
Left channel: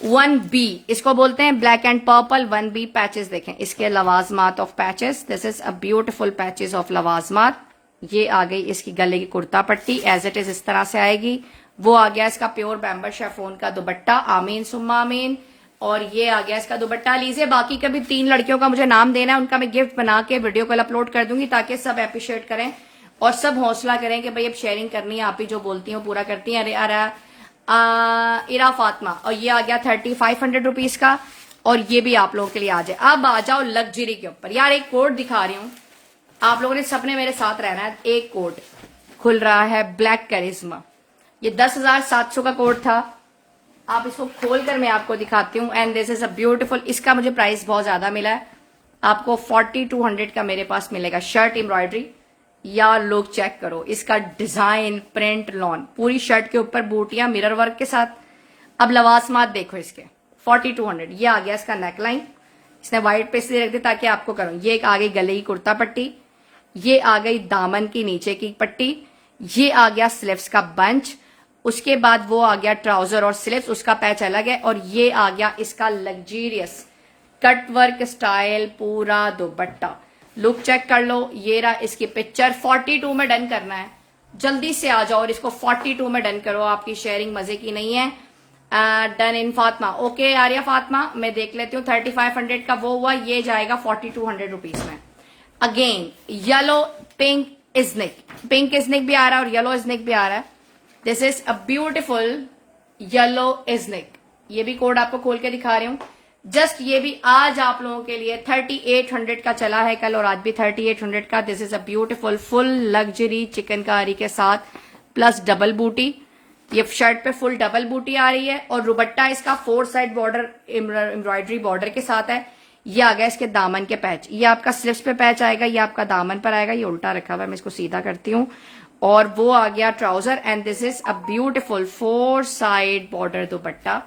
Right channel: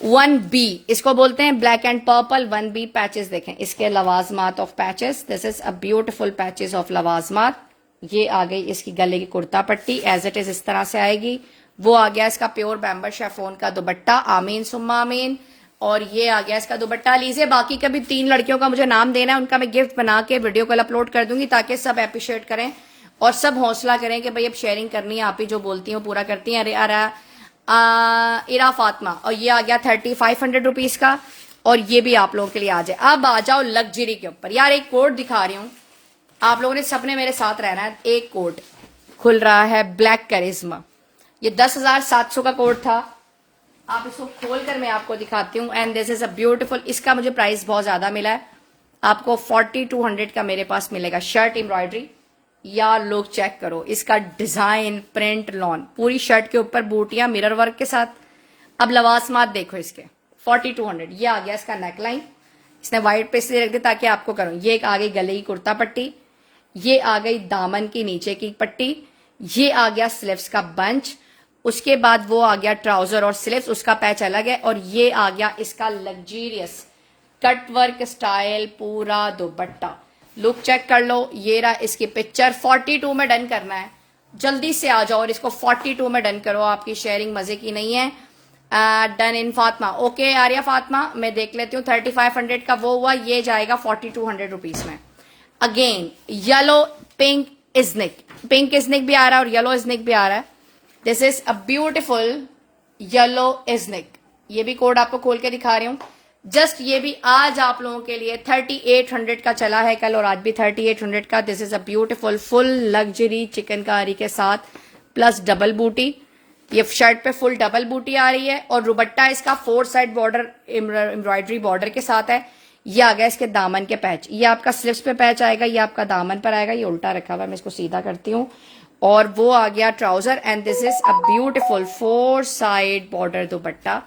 1B इसको बोलते हैं, black and purple 1B patches देखें, इसके लवाजमात of patches. This is a beautiful patches of लवाजमात। ये आ गई इसकी गले की कुर्ता पट्टी, एज इट इज इस तरह से आएगी। वो आ गया इसका प्योर बैम्बर शेफोन का दुपट्टा, आमीन सुम्मा आमीन। और ये आ गया इसका दुपट्टा। लीजिए, बाकी कभी 3 लड़कियों का मुझे नाम देना है, उनका मैं गिफ्ट बना के वीडियो कॉल अपलोड कर दूंगी ताकि सब अप्रिशिएट करें और सब हौसला करें कि भाई अब शेयरिंग करनी है, आप ही जो बोलती हैं पूरा करती हैं। अरे इरा फातिमा, और ये आ गया 3500 रुपीज का, और ये भी आप लोगों के लिए आ जाए। अब आ जाओ लग्जरी के ऊपर। यार एक कोट दिखा रही हूँ, आप लोगों ने सबने मेरे साथ रहना है। एक कोट खुल रहा है, ब्लैक करिश्मा। ये 10,700 का कोट था, आप इसको खोलकर मैं आपको दिखाती हूँ। And this is a beautiful, इसका मुझे प्राइस बहुत ज्यादा मिला है, आपको 4200 का मेरे पास मिलेगा। शर्ट एम्ब्रॉयडरी, या लोग चेक करो इसका डिजाइन, प्रिंट, लॉन, पूरी शर्ट के ऊपर बूटियां मिरर वर्क के साथ। अब लवासमात देखो इसके, 4200। ये आ गया इसका नेकलाइन, इसने व्हाइट पे इसलिए रख दी ताकि आपको करूं। ये एक आ गई गले की कुर्ता पट्टी, ये आ गई दामन की नीचे की पट्टी, ये आ गया स्लीव्स का बंच, उसके बाद वो आ गया ट्राउजर और स्लीव्स, उसका पैच अलग है, और ये आ गया इसका लग्जीरियस कट वर्क स्टाइल पूरा दुपट्टा। लुक चेक कर लो, ये रहा इसकी पिक्चर। 42 में डन करना है, जल्दी से आ जाओ और इसको 42 में डन करो, आपकी शेयरिंग मजे की नहीं है। Done in Fatima, okay Arya Fatima, मैं देख लेती हूँ। 3500 का वो हुआ, ये जाएगा 4200 रुपीज में। Again yellow pink Iznik, pink Iznik भी आ रहा है और येलो इजनिक भी आ रहा है। This is a beautiful yellow Iznik, ये भी कोड आपको खोल के दिखा रही हूँ। जस्ट ये भी आज आप लोगों के लिए 3800 का चला है कल, और आज भी 3800 का। This is a beautiful full luxury chikankari के साथ प्लस डबल बूटी। ये शर्ट पे फुल डबल बूटी आ रही है, और दुपट्टा इसका 4 साइड बॉर्डर एम्ब्रॉयडरी बॉर्डर के साथ है। ये आ गया इसके दामन के पैच, ये आपका स्लीव्स पे पैच आएगा, ये आपका दामन पर आएगा। ये उल्टा रखा हुआ है, मैं इसको सीधा करती हूँ। और वो आ गया trouser, and this is a beautiful 4 side border dupatta,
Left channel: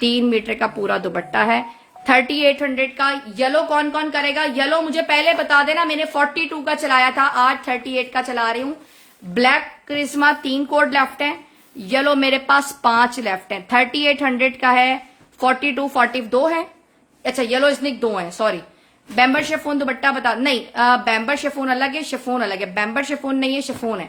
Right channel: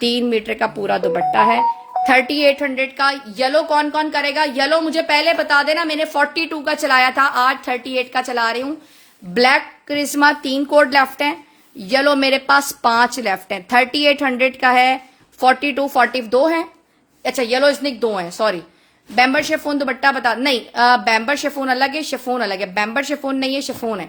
3 metre का पूरा दुपट्टा है। 3800 का। येलो कौन कौन करेगा? येलो मुझे पहले बता देना, मैंने 42 का चलाया था, आज 38 का चला रही हूँ। ब्लैक करिश्मा 3 कोड लेफ्ट है, येलो मेरे पास 5 लेफ्ट है। 3800 का है, 42 42 है। अच्छा येलो इसनिक 2 है, सॉरी। बैम्बर शिफोन दुपट्टा बता, नहीं बैम्बर शिफोन अलग है, शिफोन अलग है, बैम्बर शिफोन नहीं है, शिफोन है।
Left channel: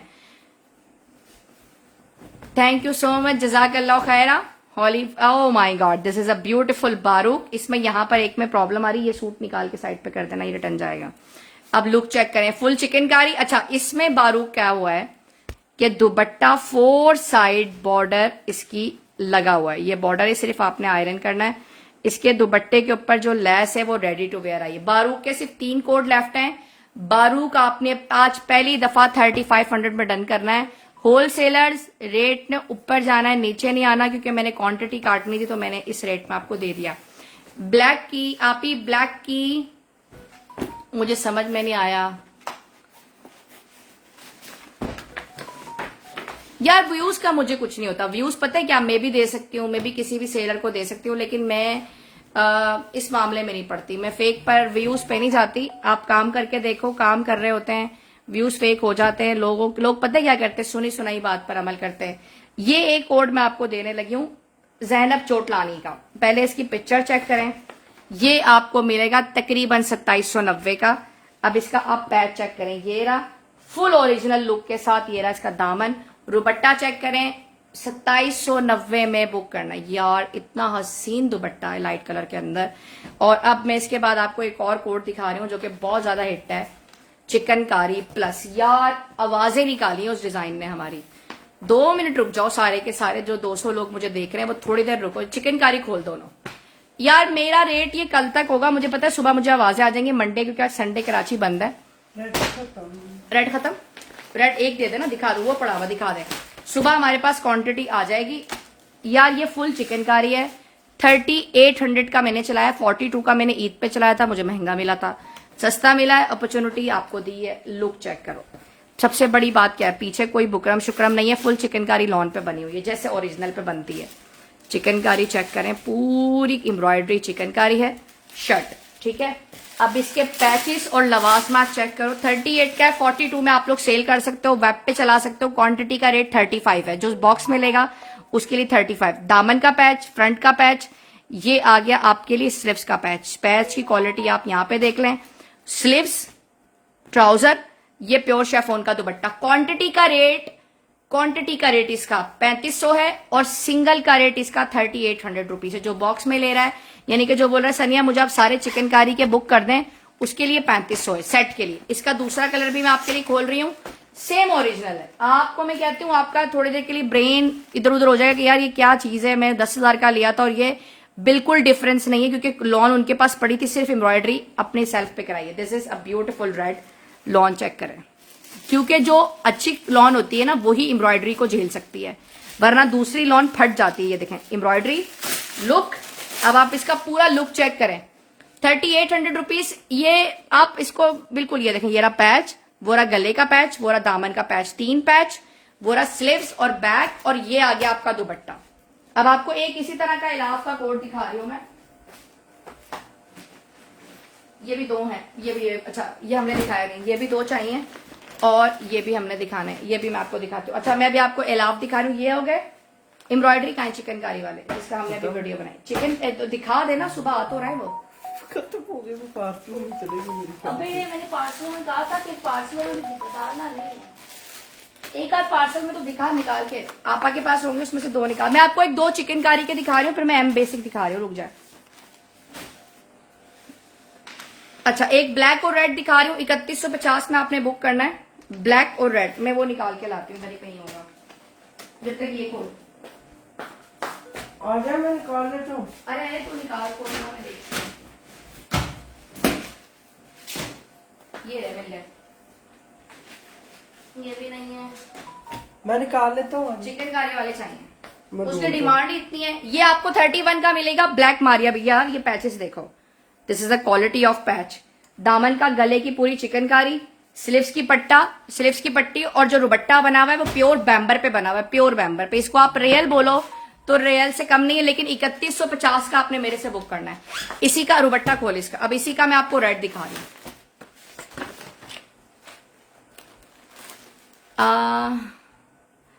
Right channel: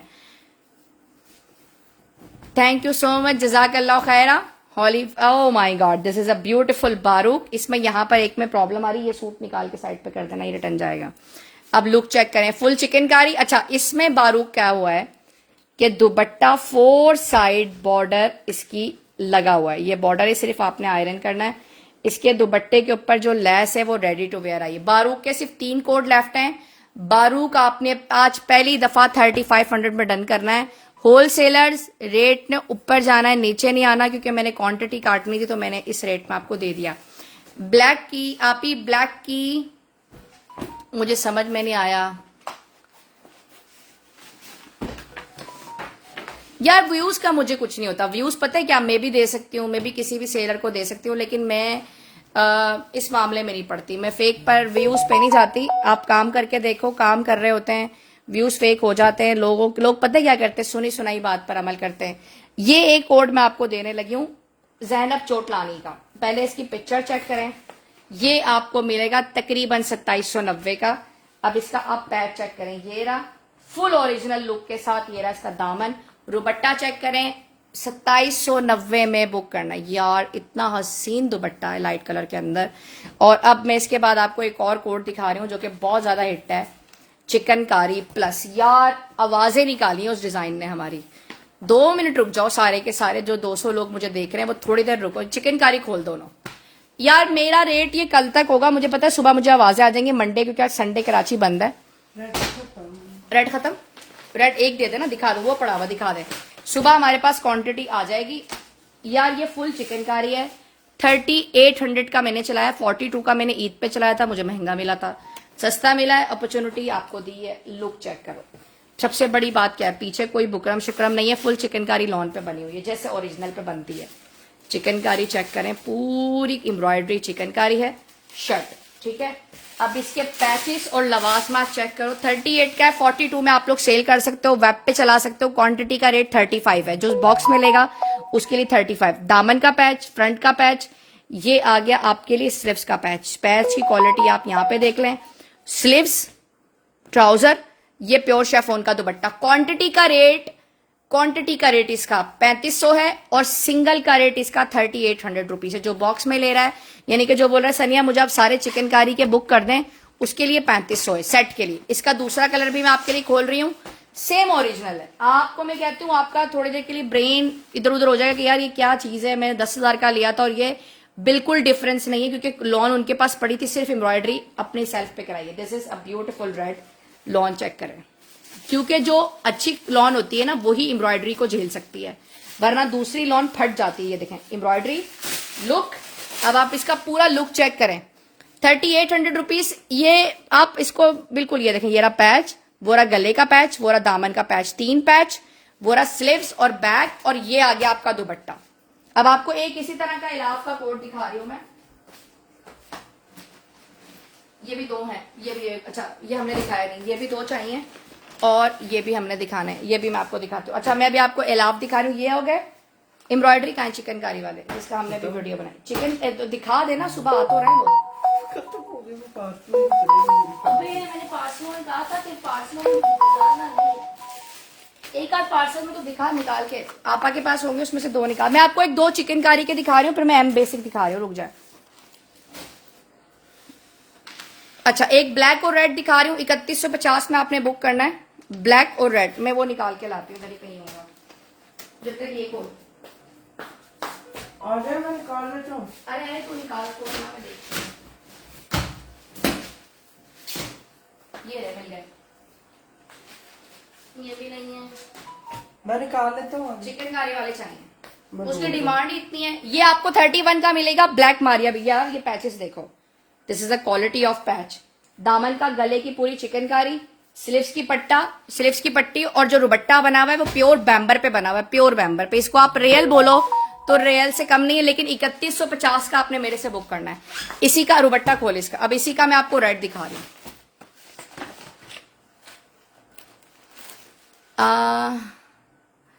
थैंक यू सो मच, जजाकल्लाह खैरा। Holy, oh my god, this is a beautiful बारूक। इसमें यहां पर एक में प्रॉब्लम आ रही है, ये सूट निकाल के साइड पे कर देना, ये रिटर्न जाएगा। अब लुक चेक करें, फुल चिकनकारी। अच्छा इसमें बारूक क्या हुआ है कि दुपट्टा 4 साइड बॉर्डर इसकी लगा हुआ है। ये बॉर्डर है, सिर्फ आपने आयरन करना है। इसके दुपट्टे के ऊपर जो लेस है वो रेडी टू वेयर आई है। बारूक के सिर्फ 3 कोड लेफ्ट हैं। बारूक आपने आज पहली दफा 3500 में डन करना है। होलसेलर्स रेट ने ऊपर जाना है, नीचे नहीं आना, क्योंकि मैंने क्वांटिटी काटनी थी तो मैंने इस रेट में आपको दे दिया। ब्लैक की आप ही, ब्लैक की मुझे समझ में नहीं आया यार, व्यूज का मुझे कुछ नहीं होता। व्यूज पता है क्या, मैं भी दे सकती हूँ, मैं भी किसी भी सेलर को दे सकती हूँ, लेकिन मैं इस मामले में नहीं पड़ती। मैं फेक पर व्यूज पे नहीं जाती। आप काम करके देखो, काम कर रहे होते हैं, व्यूज फेक हो जाते हैं। लोग पता है क्या करते हैं, सुनी सुनाई बात पर अमल करते हैं। ये एक कोड मैं आपको देने लगी हूँ, जैनब चोटलानी का। पहले इसकी पिक्चर चेक करें, ये आपको मिलेगा तकरीबन 2790 का। अब इसका आप पैच चेक करें, ये रहा फुल ओरिजिनल लुक के साथ, ये रहा इसका दामन। दुपट्टा चेक करें, 2790 में बुक करना। यार इतना हसीन दुपट्टा है लाइट कलर के अंदर। और अब मैं इसके बाद आपको एक और कोड दिखा रही हूँ जो कि बहुत ज्यादा हिट है, चिकनकारी प्लस। यार आवाजें निकाली उस डिजाइन ने हमारी। 2 मिनट रुक जाओ, सारे के सारे जो 200 लोग मुझे देख रहे हैं वो थोड़ी देर रुको। चिकनकारी खोल दो ना यार। मेरा रेट ये कल तक होगा, मुझे पता है सुबह मुझे आवाजें आ जाएंगी मंडे, क्योंकि आज संडे कराची बंद है। रेड खत्म, रेड एक दे देना, दिखा दो, वो पड़ा हुआ दिखा दे। सुबह हमारे पास क्वांटिटी आ जाएगी। यार ये फुल चिकनकारी है, 3800 का मैंने चलाया, 42 का मैंने ईद पे चलाया था, मुझे महंगा मिला था, सस्ता मिला है, अपॉर्चुनिटी आपको दी है। लुक चेक करो, सबसे बड़ी बात क्या है, पीछे कोई बुकरम शुक्रम नहीं है, फुल चिकनकारी लॉन पे बनी हुई है जैसे ओरिजिनल पे बनती है। चिकनकारी चेक करें, पूरी एम्ब्रॉयडरी चिकनकारी है शर्ट, ठीक है। अब इसके पैचेस और लवासमात चेक करो, 38 का है, 42 में आप लोग सेल कर सकते हो, वेब पे चला सकते हो। क्वांटिटी का रेट 35 है, जो बॉक्स मिलेगा उसके लिए 35। दामन का पैच, फ्रंट का पैच, ये आ गया आपके लिए स्लीव्स का पैच। पैच की क्वालिटी आप यहां पे देख लें, स्लीव्स, ट्राउजर, ये प्योर शेफोन का दुपट्टा। क्वांटिटी का रेट क्वांटिटी का रेट इसका 3500 है और सिंगल का रेट इसका 3800 रुपीज है। जो बॉक्स में ले रहा है, यानी कि जो बोल रहा है सनिया मुझे आप सारे चिकनकारी के बुक कर दें, उसके लिए 3500 है सेट के लिए। इसका दूसरा कलर भी मैं आपके लिए खोल रही हूँ, सेम ओरिजिनल है। आपको मैं कहती हूँ आपका थोड़ी देर के लिए ब्रेन इधर उधर हो जाएगा कि यार ये क्या चीज है, मैंने 10,000 का लिया था और ये बिल्कुल डिफरेंस नहीं है, क्योंकि लॉन उनके पास पड़ी थी, सिर्फ एम्ब्रॉयडरी अपने सेल्फ पे कराई है। This is a beautiful red lawn, check करें, क्योंकि जो अच्छी लॉन होती है ना वही एम्ब्रॉयडरी को झेल सकती है, वरना दूसरी लॉन फट जाती है। ये देखें एम्ब्रॉयडरी लुक। अब आप इसका पूरा लुक चेक करें, 3800 रुपीज। ये आप इसको बिल्कुल, ये देखें, ये रहा पैच, वो रहा गले का पैच, वो रहा दामन का पैच, 3 पैच, वो रहा स्लीव्स और बैक, और ये आ गया आपका दुपट्टा। अब आपको एक इसी तरह का इलाव का कोट दिखा रही हूं मैं, ये भी 2 है, ये भी, अच्छा ये हमने दिखाया नहीं, ये भी 2 चाहिए और ये भी हमने दिखाना है, ये भी मैं आपको दिखाती हूँ। अच्छा मैं भी आपको इलाव दिखा रही हूँ, ये हो गए एम्ब्रॉयडरी का चिकनकारी वाले, इसका हमने भी वीडियो बनाई। चिकन तो दिखा देना, सुबह आ तो रहे वो। अबे मैंने पार्सल में कहा था कि पार्सल में निकालना नहीं, एक आध पार्सल में तो दिखा निकाल के, आपा के पास होंगे उसमें से 2 निकाल। मैं आपको एक 2 चिकनकारी के दिखा रही हूँ, फिर मैं एम बेसिक दिखा रही हूँ, रुक जाए। अच्छा एक ब्लैक और रेड दिखा रही हूँ, 3150 में आपने बुक करना है, ब्लैक और रेड। मैं वो निकाल के लाती हूँ, मेरे कहीं होगा जब तक ये खोल आ जाए, मैं निकाल लेता हूँ। अरे तू निकाल खोल, मैं देखती हूँ। ये रहे मिल गए, ये भी नहीं है, मैं निकाल लेता हूँ। चिकनकारी वाले चाहिए, उसकी डिमांड ही इतनी है। ये आपको 31 का मिलेगा, ब्लैक मारिया भैया। ये पैचेस देखो, this is a quality of patch. दामन का गले की पूरी चिकनकारी, स्लीव्स की पट्टी और जो दुपट्टा बना हुआ है वो प्योर बैम्बर पे बना हुआ है, प्योर बैम्बर पे। इसको आप रियल बोलो तो रियल से कम नहीं है, लेकिन 3150 का आपने मेरे से बुक करना है। इसी का दुपट्टा खोल इसका। अब इसी का मैं आपको रेड दिखा रही हूँ।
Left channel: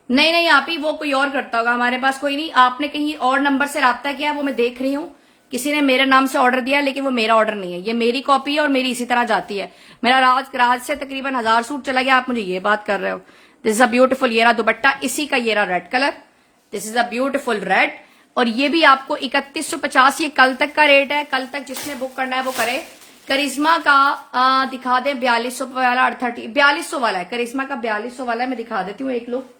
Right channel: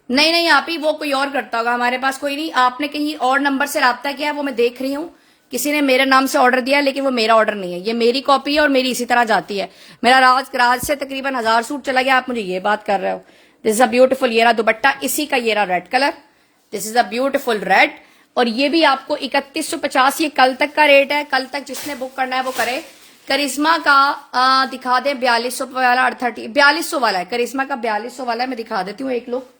नहीं आप ही, वो कोई और करता होगा, हमारे पास कोई नहीं। आपने कहीं और नंबर से राब्ता किया है, वो मैं देख रही हूँ, किसी ने मेरे नाम से ऑर्डर दिया है, लेकिन वो मेरा ऑर्डर नहीं है, ये मेरी कॉपी है और मेरी इसी तरह जाती है। मेरा राज से तकरीबन 1000 सूट चला गया, आप मुझे ये बात कर रहे हो। दिस इज अ ब्यूटीफुल, ये रहा दुपट्टा, इसी का ये रहा red colour, this is a beautiful red. और ये भी आपको 3150, ये कल तक का रेट है, कल तक जिसने बुक करना है वो करे। करिश्मा का दिखा दे 4200 वाला, 4200 वाला है, करिश्मा का 4200 वाला है, मैं दिखा देती हूँ एक लुक।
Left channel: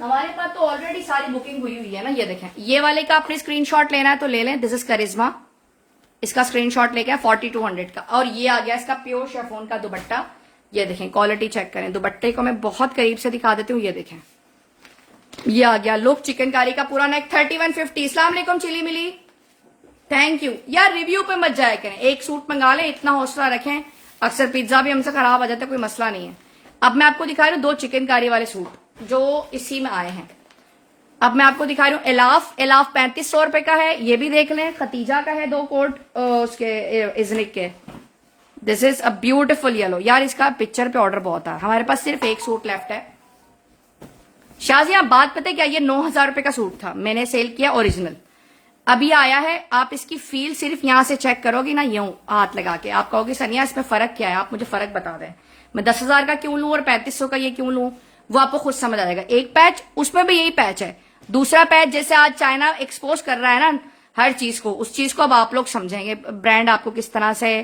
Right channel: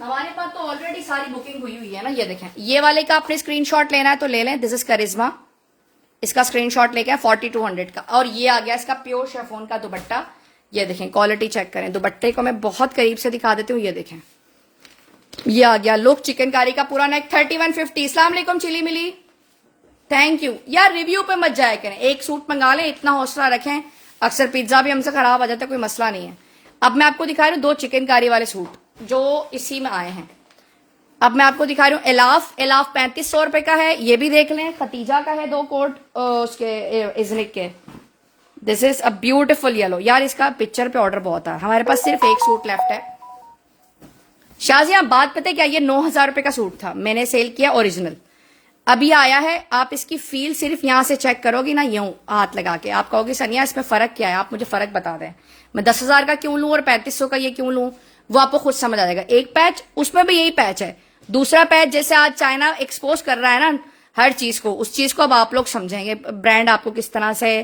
हमारे पास तो ऑलरेडी सारी बुकिंग हुई हुई है ना, ये देखें। ये वाले का आपने स्क्रीनशॉट लेना है तो ले लें, दिस इज करिश्मा, इसका स्क्रीनशॉट लेके 4200 का। और ये आ गया इसका प्योर शेफोन का दुपट्टा, ये देखें, क्वालिटी चेक करें। दुपट्टे को मैं बहुत करीब से दिखा देती हूँ, ये देखें, ये आ गया लुक चिकनकारी का पूरा नेक, 3150। अस्सलाम वालेकुम चिली मिली, थैंक यू। यार रिव्यू पे मत जाया करें, एक सूट मंगा लें, इतना हौसला रखें। अक्सर पिज्जा भी हमसे खराब आ जाता है, कोई मसला नहीं है। अब मैं आपको दिखा रही हूँ 2 चिकनकारी वाले सूट जो इसी में आए हैं। अब मैं आपको दिखा रही हूँ एलाफ 3500 रुपए का है, ये भी देख लें। खतीजा का है 2 कोट उसके इजनिक के, this is a beautiful yellow. यार इसका पिक्चर पे ऑर्डर बहुत है, हमारे पास सिर्फ एक सूट लेफ्ट है। शाहजिया बात पता है क्या, ये 9000 रुपए का सूट था, मैंने सेल किया ओरिजिनल, अभी आया है। आप इसकी फील सिर्फ यहां से चेक करोगी ना, यूं हाथ लगा के, आप कहोगे सनिया इसमें फर्क क्या है, आप मुझे फर्क बता रहे हैं, मैं 10,000 का क्यों लूं और 3500 का ये क्यों लूं, वो आपको खुद समझ आ जाएगा। एक पैच, उसमें भी यही पैच है, दूसरा पैच जैसे आज चाइना एक्सपोज कर रहा है ना हर चीज को, उस चीज को अब आप लोग समझेंगे, ब्रांड आपको किस तरह से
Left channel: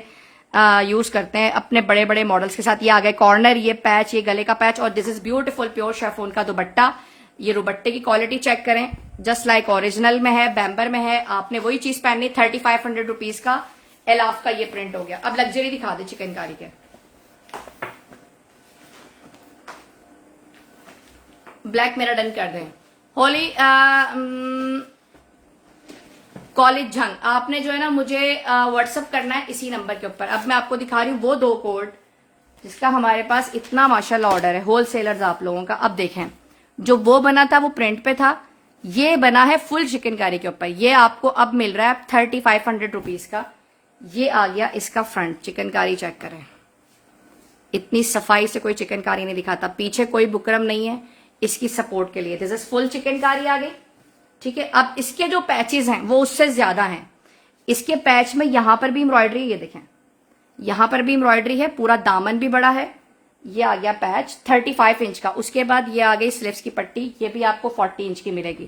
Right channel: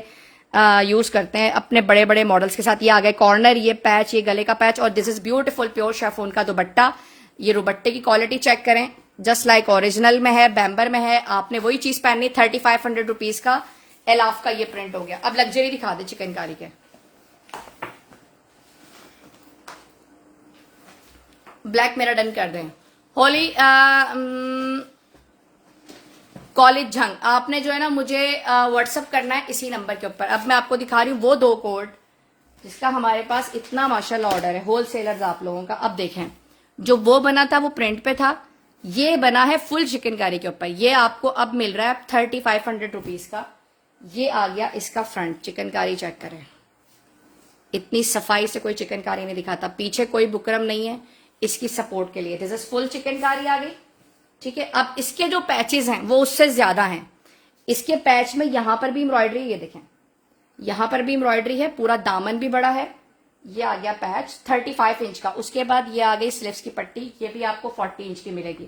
यूज करते हैं अपने बड़े बड़े मॉडल्स के साथ। ये आ गए कॉर्नर, ये पैच, ये गले का पैच, और this is beautiful pure chiffon का दुपट्टा। ये दुपट्टे की क्वालिटी चेक करें, जस्ट लाइक ओरिजिनल में है, बैम्बर में है। आपने वही चीज पहननी, 3500 रुपीज का एलाफ का ये प्रिंट हो गया। अब लग्जरी दिखा दे चिकनकारी के, ब्लैक मेरा डन कर दें। होली कॉलेज झंग, आपने जो है ना मुझे व्हाट्सअप करना है इसी नंबर के ऊपर। अब मैं आपको दिखा रही हूँ वो 2 कोट जिसका हमारे पास इतना माशाल्लाह ऑर्डर है, होलसेलर्स आप लोगों का। अब देखें, जो वो बना था वो प्रिंट पे था, ये बना है फुल चिकनकारी के ऊपर। ये आपको अब मिल रहा है 3500 रुपीज का। ये आ गया इसका फ्रंट, चिकनकारी चेक करें, इतनी सफाई से कोई चिकनकारी नहीं दिखाता, पीछे कोई बुकरम नहीं है इसकी सपोर्ट के लिए। दिस इज फुल चिकनकारी आ गई, ठीक है। अब इसके जो पैचेस हैं वो उससे ज्यादा हैं। इसके पैच में यहां पर भी एम्ब्रॉयडरी, ये देखें, यहां पर भी एम्ब्रॉयडरी है, पूरा दामन भी बड़ा है, ये आ गया पैच 35 इंच का। उसके बाद ये आ गई स्लीव्स की पट्टी, ये भी आपको 40 इंच की मिलेगी।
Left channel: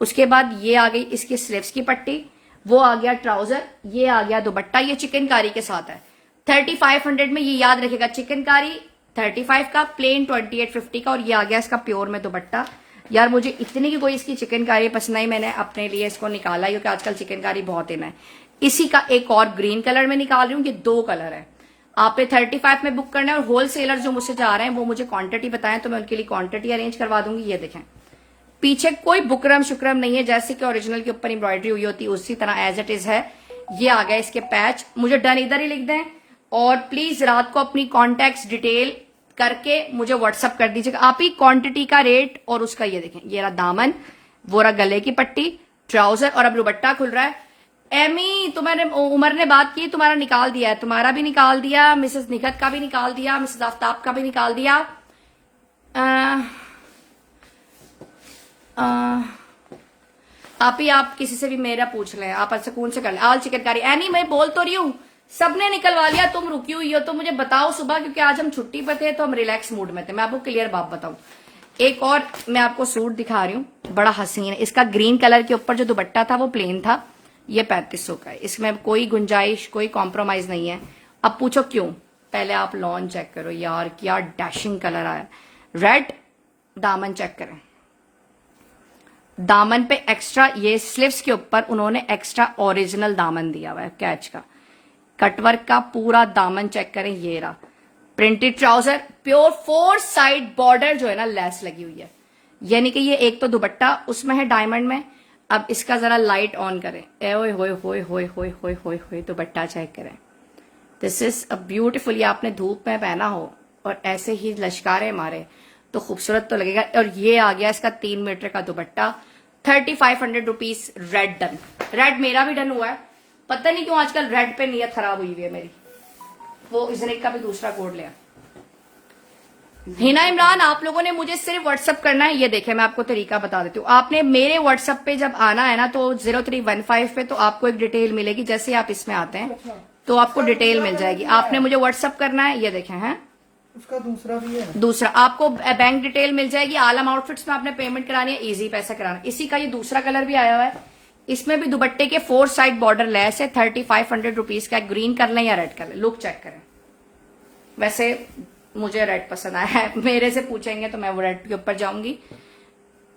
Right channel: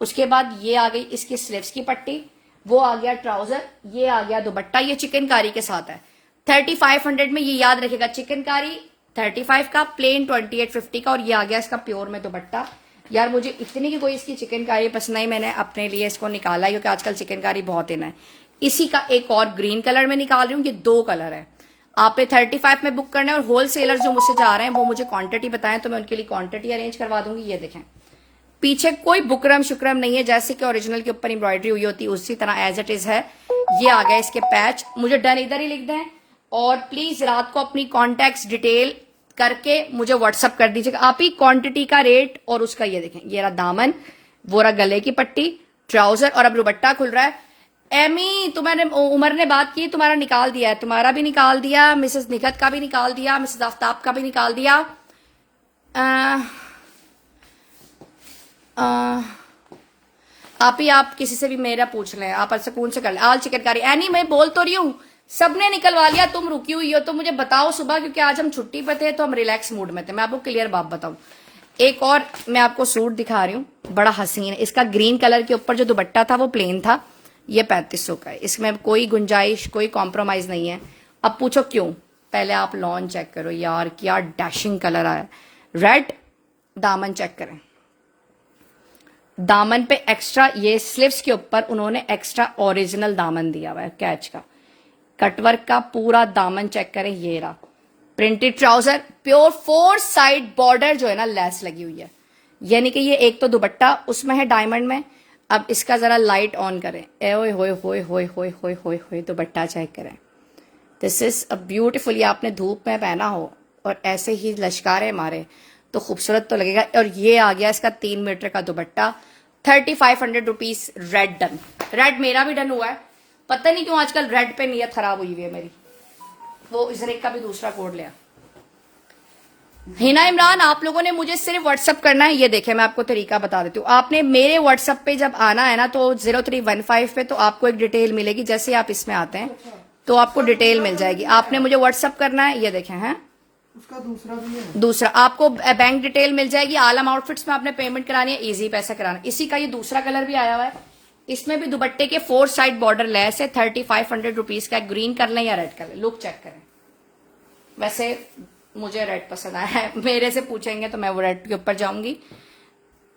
उसके बाद ये आ गई इसकी स्लीव्स की पट्टी, वो आ गया ट्राउजर, ये आ गया दुपट्टा। ये चिकनकारी के साथ है 3500 में, ये याद रखेगा। चिकनकारी 35 का, प्लेन 2850 का, और ये आ गया इसका प्योर में दुपट्टा। यार मुझे इतनी की कोई इसकी चिकनकारी पसंद आई, मैंने अपने लिए इसको निकाला क्योंकि आजकल चिकनकारी बहुत इन है। इसी का एक और ग्रीन कलर में निकाल रही हूँ, ये 2 कलर है। आपने 35 में बुक करना है, और होलसेलर जो मुझसे जा रहे हैं वो मुझे क्वांटिटी बताएं तो मैं उनके लिए क्वांटिटी अरेंज करवा दूंगी। ये देखें, पीछे कोई बुकरम शुक्रम नहीं है, जैसे कि ओरिजिनल के ऊपर एम्ब्रॉयडरी हुई होती है उसी तरह एज इट इज है। ये आ गया इसके पैच। मुझे डन इधर ही लिख दें, और प्लीज रात को अपनी कॉन्टैक्ट डिटेल करके मुझे व्हाट्सअप कर दीजिएगा आप ही क्वांटिटी का रेट और उसका। ये देखें, ये रहा दामन, वो रहा गले की पट्टी, ट्राउजर, और अब दुपट्टा खुल रहा है। एमी, तुम्हारे उमर ने बात की, तुम्हारा निकाल दिया है, तुम्हारा भी निकाल दिया, मिसेस निकत का भी निकाल दिया, मिसेस आफ्ताब का भी निकाल दिया। आप किसी से भी मेरा पूछ लें, आप सुकून से कर लें। आल चिकनकारी एनी, मैं बोल तो रही हूँ, सबने निकलवा लिया, तुम रुकी हुई हो। तो मुझे बताओ सुबह, क्योंकि आज हम छुट्टी पे थे तो हम रिलैक्स मूड में थे। मैं आपको क्लियर बात बताऊं, एक और मैं आपको सूट दिखा रही हूँ, बड़ा हसीन है। इसका ग्रीन कलर के ऊपर जो दुपट्टा था वो प्लेन था, ये 3500 का है। इसमें कोई गुंजाइश, कोई कॉम्प्रोमाइज नहीं है। अब पूछो क्यों, पहले आप लॉन चेक करो यार, क्या डैशिंग कलर आया। रेड दामन चेक करें, दामन पे एक्स्ट्रा, ये स्लीव्स के ऊपर उन्होंने एक्स्ट्रा ओरिजिनल दामन दिया हुआ है कैच का, कटवर्क का पूरा दामन चेक करें। ये रहा printed trouser, pure 4 side border जो है ना लेस लगी हुई है, यानी कि ये एक तो दुपट्टा उसमें है डायमंड में। अब इसका जरा लाइट ऑन करें, ए ओए होए होए होए होए होए होए होए, दुपट्टा चेक करें। दिस इज अ ब्यूटीफुल, ये आपने धूप में पहना हो और ऐसे ही लश्कारे मारे तो खूबसूरत तो लगेगा। और ये आ गया इसका 3 मीटर का दुपट्टा, 3500 रुपीज। रेड डन, रेड मेरा भी डन हुआ है। पता नहीं क्यों आजकल रेड पे नियत खराब हुई हुई है मेरी। वो इजरेक का भी दूसरा कोड लिया। हिना इमरान, आप लोगों ने मुझे सिर्फ व्हाट्सअप करना है। ये देखें, मैं आपको तरीका बता देती हूँ। आपने मेरे व्हाट्सअप पे जब आना है ना, तो 0315 पे तो आपको एक डिटेल मिलेगी। जैसे आप इसमें आते हैं तो आपको डिटेल मिल जाएगी। आपने मुझे व्हाट्सअप करना है, ये देखें है उसका दूसरा भी है, दूसरा आपको बैंक डिटेल मिल जाएगी। आलम आउटफिट्स में आपने पेमेंट करानी है, इजी पैसा कराना। इसी का ये दूसरा कलर भी आया हुआ है, इसमें भी दुपट्टे के 4 साइड बॉर्डर लेस है, 3500 रुपीज का। ग्रीन कर लें या रेड कर लें, लुक चेक करें। वैसे मुझे रेड पसंद आया है, मेरे से पूछेंगे तो मैं वो रेड के ऊपर जाऊंगी।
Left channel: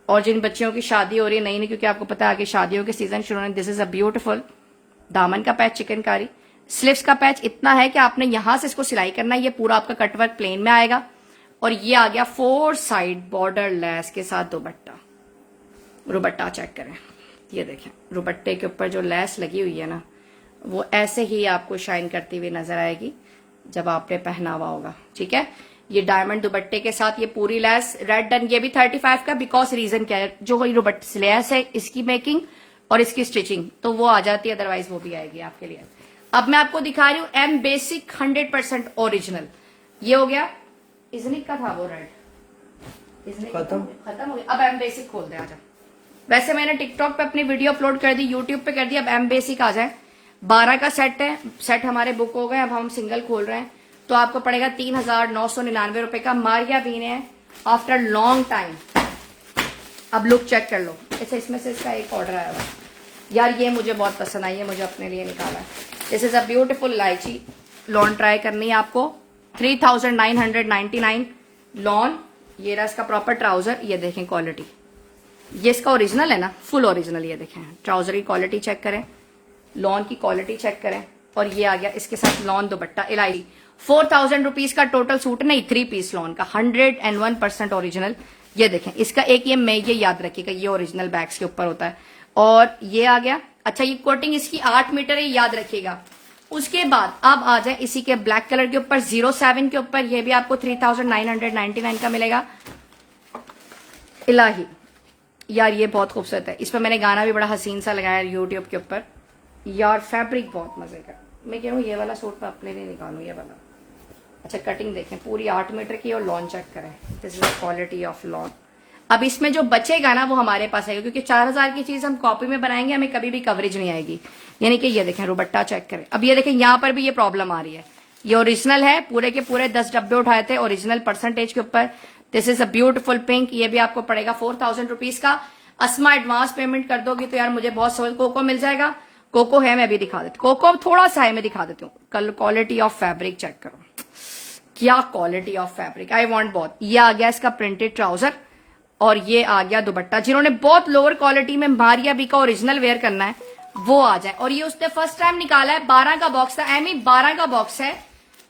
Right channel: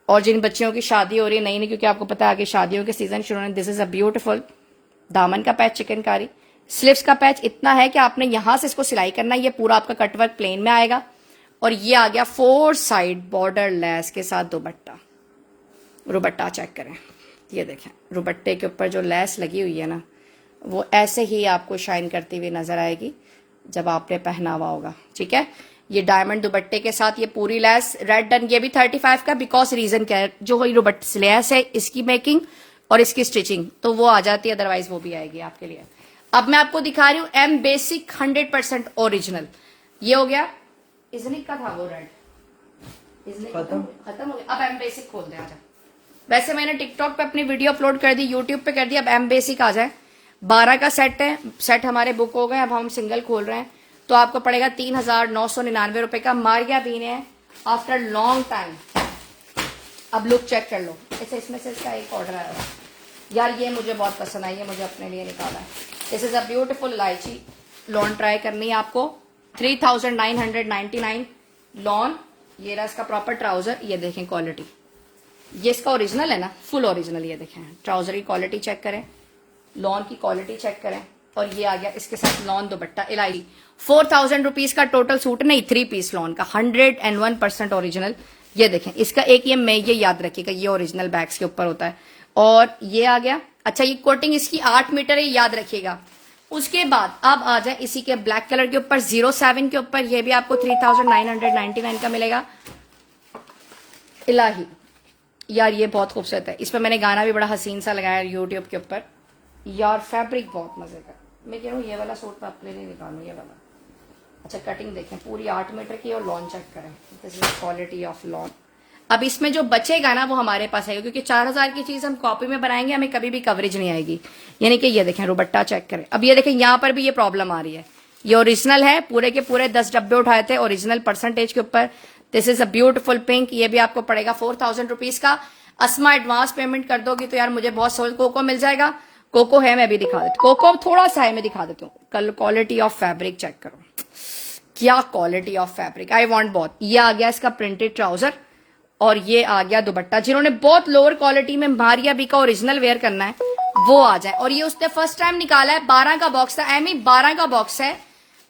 और जिन बच्चियों की शादी हो रही है नहीं, क्योंकि आपको पता है आगे शादियों के सीजन शुरू होने। दिस इज अ ब्यूटीफुल दामन का पैच चिकनकारी, स्लीव्स का पैच इतना है कि आपने यहां से इसको सिलाई करना है। ये पूरा आपका कटवर्क प्लेन में आएगा, और ये आ गया 4 साइड बॉर्डर लेस के साथ दुपट्टा। दुपट्टा चेक करें, ये देखें, दुपट्टे के ऊपर जो लेस लगी हुई है ना, वो ऐसे ही आपको शाइन करती हुई नजर आएगी जब आपने पहना हुआ होगा। ठीक है, ये डायमंड दुपट्टे के साथ ये पूरी लेस रेड डन। ये भी 35 का, बिकॉज रीजन क्या है, जो दुपट्टे लेस है इसकी मेकिंग और इसकी स्टिचिंग तो वो आ जाती है, अदरवाइज वो भी आएगी आपके लिए। अब मैं आपको दिखा रही हूँ एम बेसिक 100% ओरिजिनल। ये हो गया, इजनिक का था वो रेड, इजनिक खत्म हो गया। अब एम बेसिक खोल दे, आजा। वैसे मैंने टिकटॉक पे अपनी वीडियो अपलोड कर दी, यूट्यूब पे कर दी। अब एम बेसिक आ जाए। 12 का सेट है, सेट हमारे बुक हो गए। अब हम सिंगल खोल रहे हैं तो आपको पड़ेगा 3999 रुपए का। मारिया बीन है आफ्टर लॉन्ग टाइम। अब लुक चेक कर लो। अच्छा, इसमें से इसका एक ऑर्डर आया हुआ यार, ये मुझे बहुत पसंद आई है, मुझे अपने लिए निकाला है। This is a beautiful lychee lawn, try करनी है आपको। 3999 लॉन। ये रहा इसका प्रॉपर ट्राउजर, ये देखें क्वालिटी, ये इसका ओरिजिनल है ना, फुल ओरिजिनल। ये देखें ट्राउजर की क्वालिटी चेक करें, लॉन की क्वालिटी चेक करें। और ये आ गया इसके साथ लॉन दुपट्टा इलायची। 4000 रुपीज का टोटल सूट, नहीं 3 पीस लॉन का, 101% ओरिजिनल। ये देखें, इसका एक ये याद रखिएगा, ये ओरिजिनल बैग्स के ऊपर होता है। और ये आ गया, अच्छा ये कोटिंग इसकी 8 मीटर है, याद रखिएगा। उसके बाद अब आ जाए इसी के ब्लैक कलर के ऊपर 07 के ऊपर, ये भी आपको 3999 का मिलेगा। इलाही यार, ये बहुत खूबसूरत है। इस पर मैंने गाना भी बड़ा हसीन सा लगाया यूट्यूब के ऊपर यार। फैब्रिक बहुत मजे का। मैं कह रहा हूँ ये वाला सूट मैं अपने लिए निकालू, ये वाला। अच्छा कटिंग देखें, पूरी 8 मीटर की, और लॉन चेक करें, this is quality of lawn. अब इसमें जो बचेगा ना वो हमारे पास आएगा, क्योंकि 4000 की चीज हम कॉपी में बनाएंगे, हमें कभी भी कवरेज नहीं आएगी। यानी कि ये देखें, दुपट्टा चेक करें। अब ये देखें, यहाँ पर भी ये प्रॉब्लम आ रही है, ये ओरिजिनल है, पूरे के पूरे 10 डब्बे उठाए थे ओरिजिनल परसेंटेज के ऊपर। This is a beautiful pink, ये भी आपको पड़ेगा 4000 रुपीज का। अस्मा एडवांस पेमेंट कर दोगी तो यार मुझे बहुत सोल कोको मिल जाएगा। कोको है, मैं भी दिखा देती हूँ, कोको थोड़ा सा है, मैं दिखा देती हूँ। कल क्वालिटी ऑफ फैब्रिक चेक करो, क्या quality of fabric, I want बहुत। ये आ गया इसका प्रिंटेड ट्राउजर और ये आ गया दुपट्टा। जिन्होंने बहुत लोअर क्वालिटी में मारिया बी का ओरिजिनल वेयर करना है वो आ जाए। और ये उसने फर्स्ट टाइम निकाला है, 12 का बॉक्स था, एमी 12 का बॉक्स है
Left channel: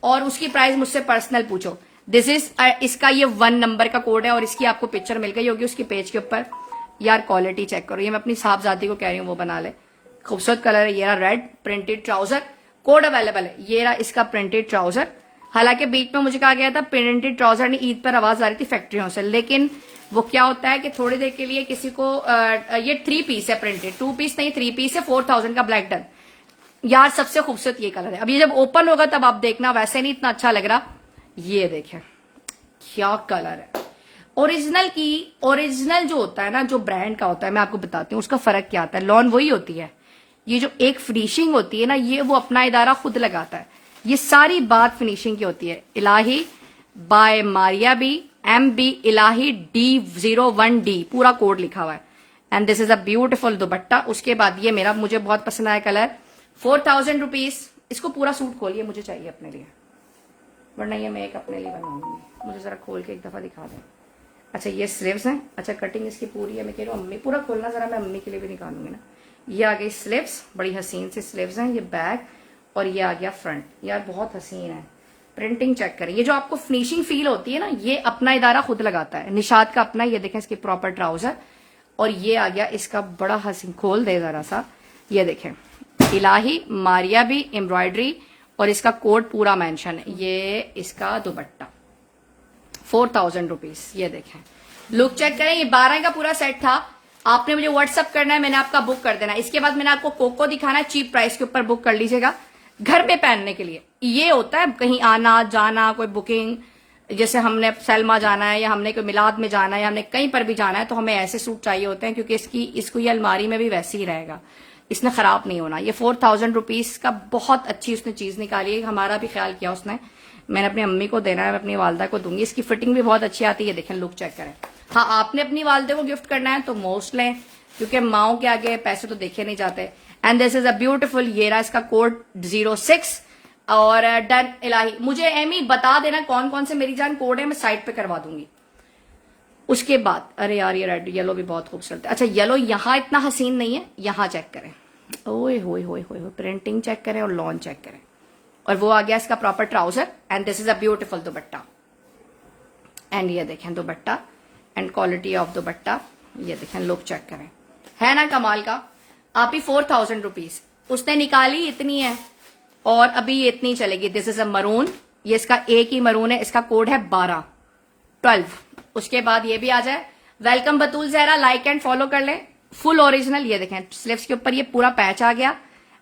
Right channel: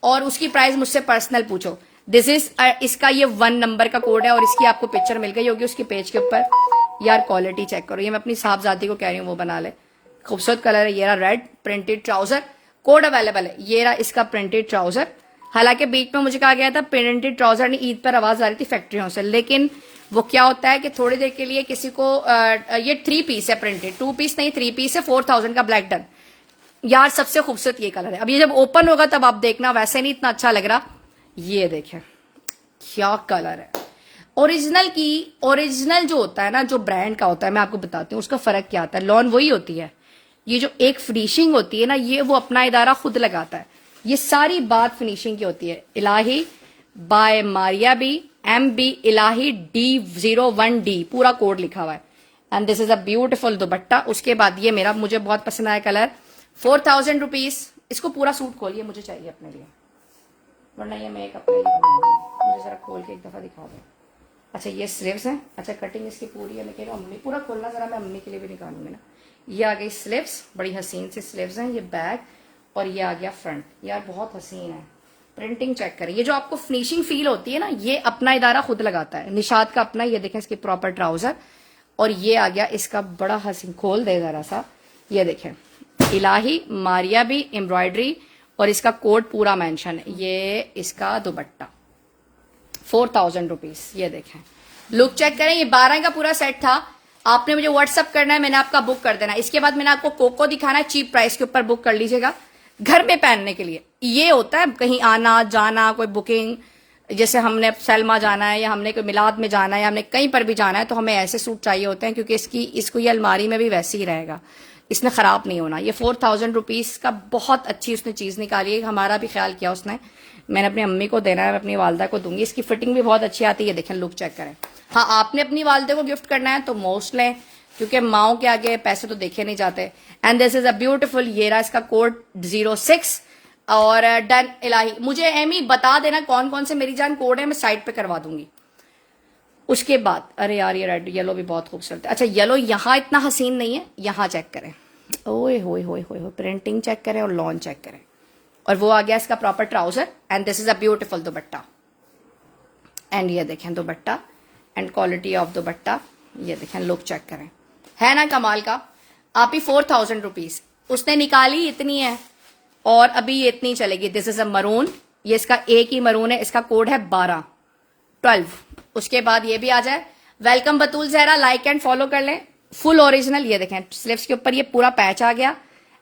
और उसकी प्राइस मुझसे पर्सनल पूछो। दिस इज इसका ये 1 नंबर का कोड है और इसकी आपको पिक्चर मिल गई होगी उसके पेज के ऊपर। यार क्वालिटी चेक करो, ये मैं अपनी साहबजादी को कह रही हूँ वो बना ले, खूबसूरत कलर है। ये रहा red printed trouser, code available है। ये रहा इसका प्रिंटेड ट्राउजर। हालांकि बीच में मुझे कहा गया था प्रिंटेड ट्राउजर नहीं, ईद पर आवाज आ रही थी फैक्ट्रियों से, लेकिन वो क्या होता है कि थोड़ी देर के लिए किसी को ये 3 पीस है प्रिंटेड, 2 पीस नहीं 3 पीस है, 4000 का ब्लैक डन। यार सबसे खूबसूरत ये कलर है। अब ये जब ओपन होगा तब आप देखना, वैसे नहीं इतना अच्छा लग रहा। ये देखें क्या कलर है। ओरिजिनल की, ओरिजिनल जो होता है ना, जो ब्रांड का होता है, मैं आपको बताती हूँ उसका फर्क क्या आता है। लॉन वही होती है, ये जो एक फिनिशिंग होती है ना, ये वो अपना इदारा खुद लगाता है। ये सारी बात फिनिशिंग की होती है। इलाही बाय मारिया बी, MB इलाही D01D पूरा कोड लिखा हुआ है। And this is a beautiful दुपट्टा। उसके बाद ये मेरा, मुझे बहुत पसंद आया कलर, 4000 रुपीज। इसको पूरा सूट खोलिए, मुझे चाहिए अपने लिए, वरना ये मैं एक अपने लिए बनाऊंगी। मुझे जरा खोल के एक दफा दिखा दें। अच्छा ये स्लीव्स हैं, अच्छा कटिंग इसकी पूरी है। मैं कह रही हूँ अम्मी पूरा खोलना जरा, मैं अम्मी के लिए भी निकालूंगी ना। ये आ गई स्लीव्स, बड़ी हसीन सी स्लीव्स हैं। ये बैक और ये आ गया फ्रंट, यार बहुत हसीन है। प्रिंटिंग चेक करें, ये जो आपको फिनिशिंग फील होती है ना, ये अपना इदारा खुद लगाता है। निशात का अपना, ये देखें इसकी प्रॉपर ट्राउजर। और ये आ गया इसका बड़ा हसीन, खोल दे जरा सा, ये देखें इलाही मारिया भी एम्ब्रॉयडरी और इसका कोड पूरा मेंशन है। ये इसका दुपट्टा 4000 रुपीज। ये देखें, लुक चेक करें। ये 12 का पूरा सेट था। आपने मुझे व्हाट्सअप करना है, मैंने आपका बुक कर देना। इसके बाद मैंने आपको कोको दिखाना है, चीप प्राइस के ऊपर बुक कर लीजिएगा घर में पहनने के लिए। ये होता है कहीं आना जाना, कोई बुकिंग, जैसे हमने सलमा जाना है या हमने कोई मिलाद में जाना है या हमने कहीं पर भी जाना है, तो हमें ऐसे सूट चाहिए होते हैं, क्योंकि इसको ये अलमारी में भी वैसे ही रहेगा, इसमें खराब नहीं होना। ये 4000 रुपीज का बहुत अच्छी उसने चीज निकाली है, हमारा भी ख्याल किया उसने। मैंने अपनी अम्मी को देना है, मैं अपनी वालदा को दूंगी। इसकी फिटिंग भी बहुत अच्छी आती है, देखें लुक चेक करें। हाँ, आपने अपनी वालदे को गिफ्ट करना है तो मोस्ट लें, क्योंकि माओ के आगे पैसे तो देखे नहीं जाते। And this is a beautiful, ये रहा इसका कोड 06 और डन इलाही। मुझे एमी बता देना कौन कौन से मेरी जान कोड है, मैं साइड पे करवा दूंगी। उसके बाद अरे यार ये रेड येलो भी बहुत खूबसूरत है। अच्छा येलो यहाँ इतना हसीन नहीं है, यहाँ चेक करें, ओए होए होए होए, प्रिंटिंग चेक करें और लॉन चेक करें। और वो आ गया इसका proper trouser. And this is a beautiful dupatta. And ये देखें दुपट्टा एंड क्वालिटी ऑफ दुपट्टा, ये देखें लुक चेक करें, है ना कमाल का। आप ही 4000 रुपीज उसने निकाली इतनी है और अभी ये इतनी चलेगी। दिस इज अ मरून, ये इसका एक ही मरून है, इसका कोड है 12। उसके बाद ये भी आ जाए। Welcome Batool Zahra, like and follow कर लें। फुल ओरिजिनल, ये देखें स्लीव्स के ऊपर ये पूरा पैच आ गया,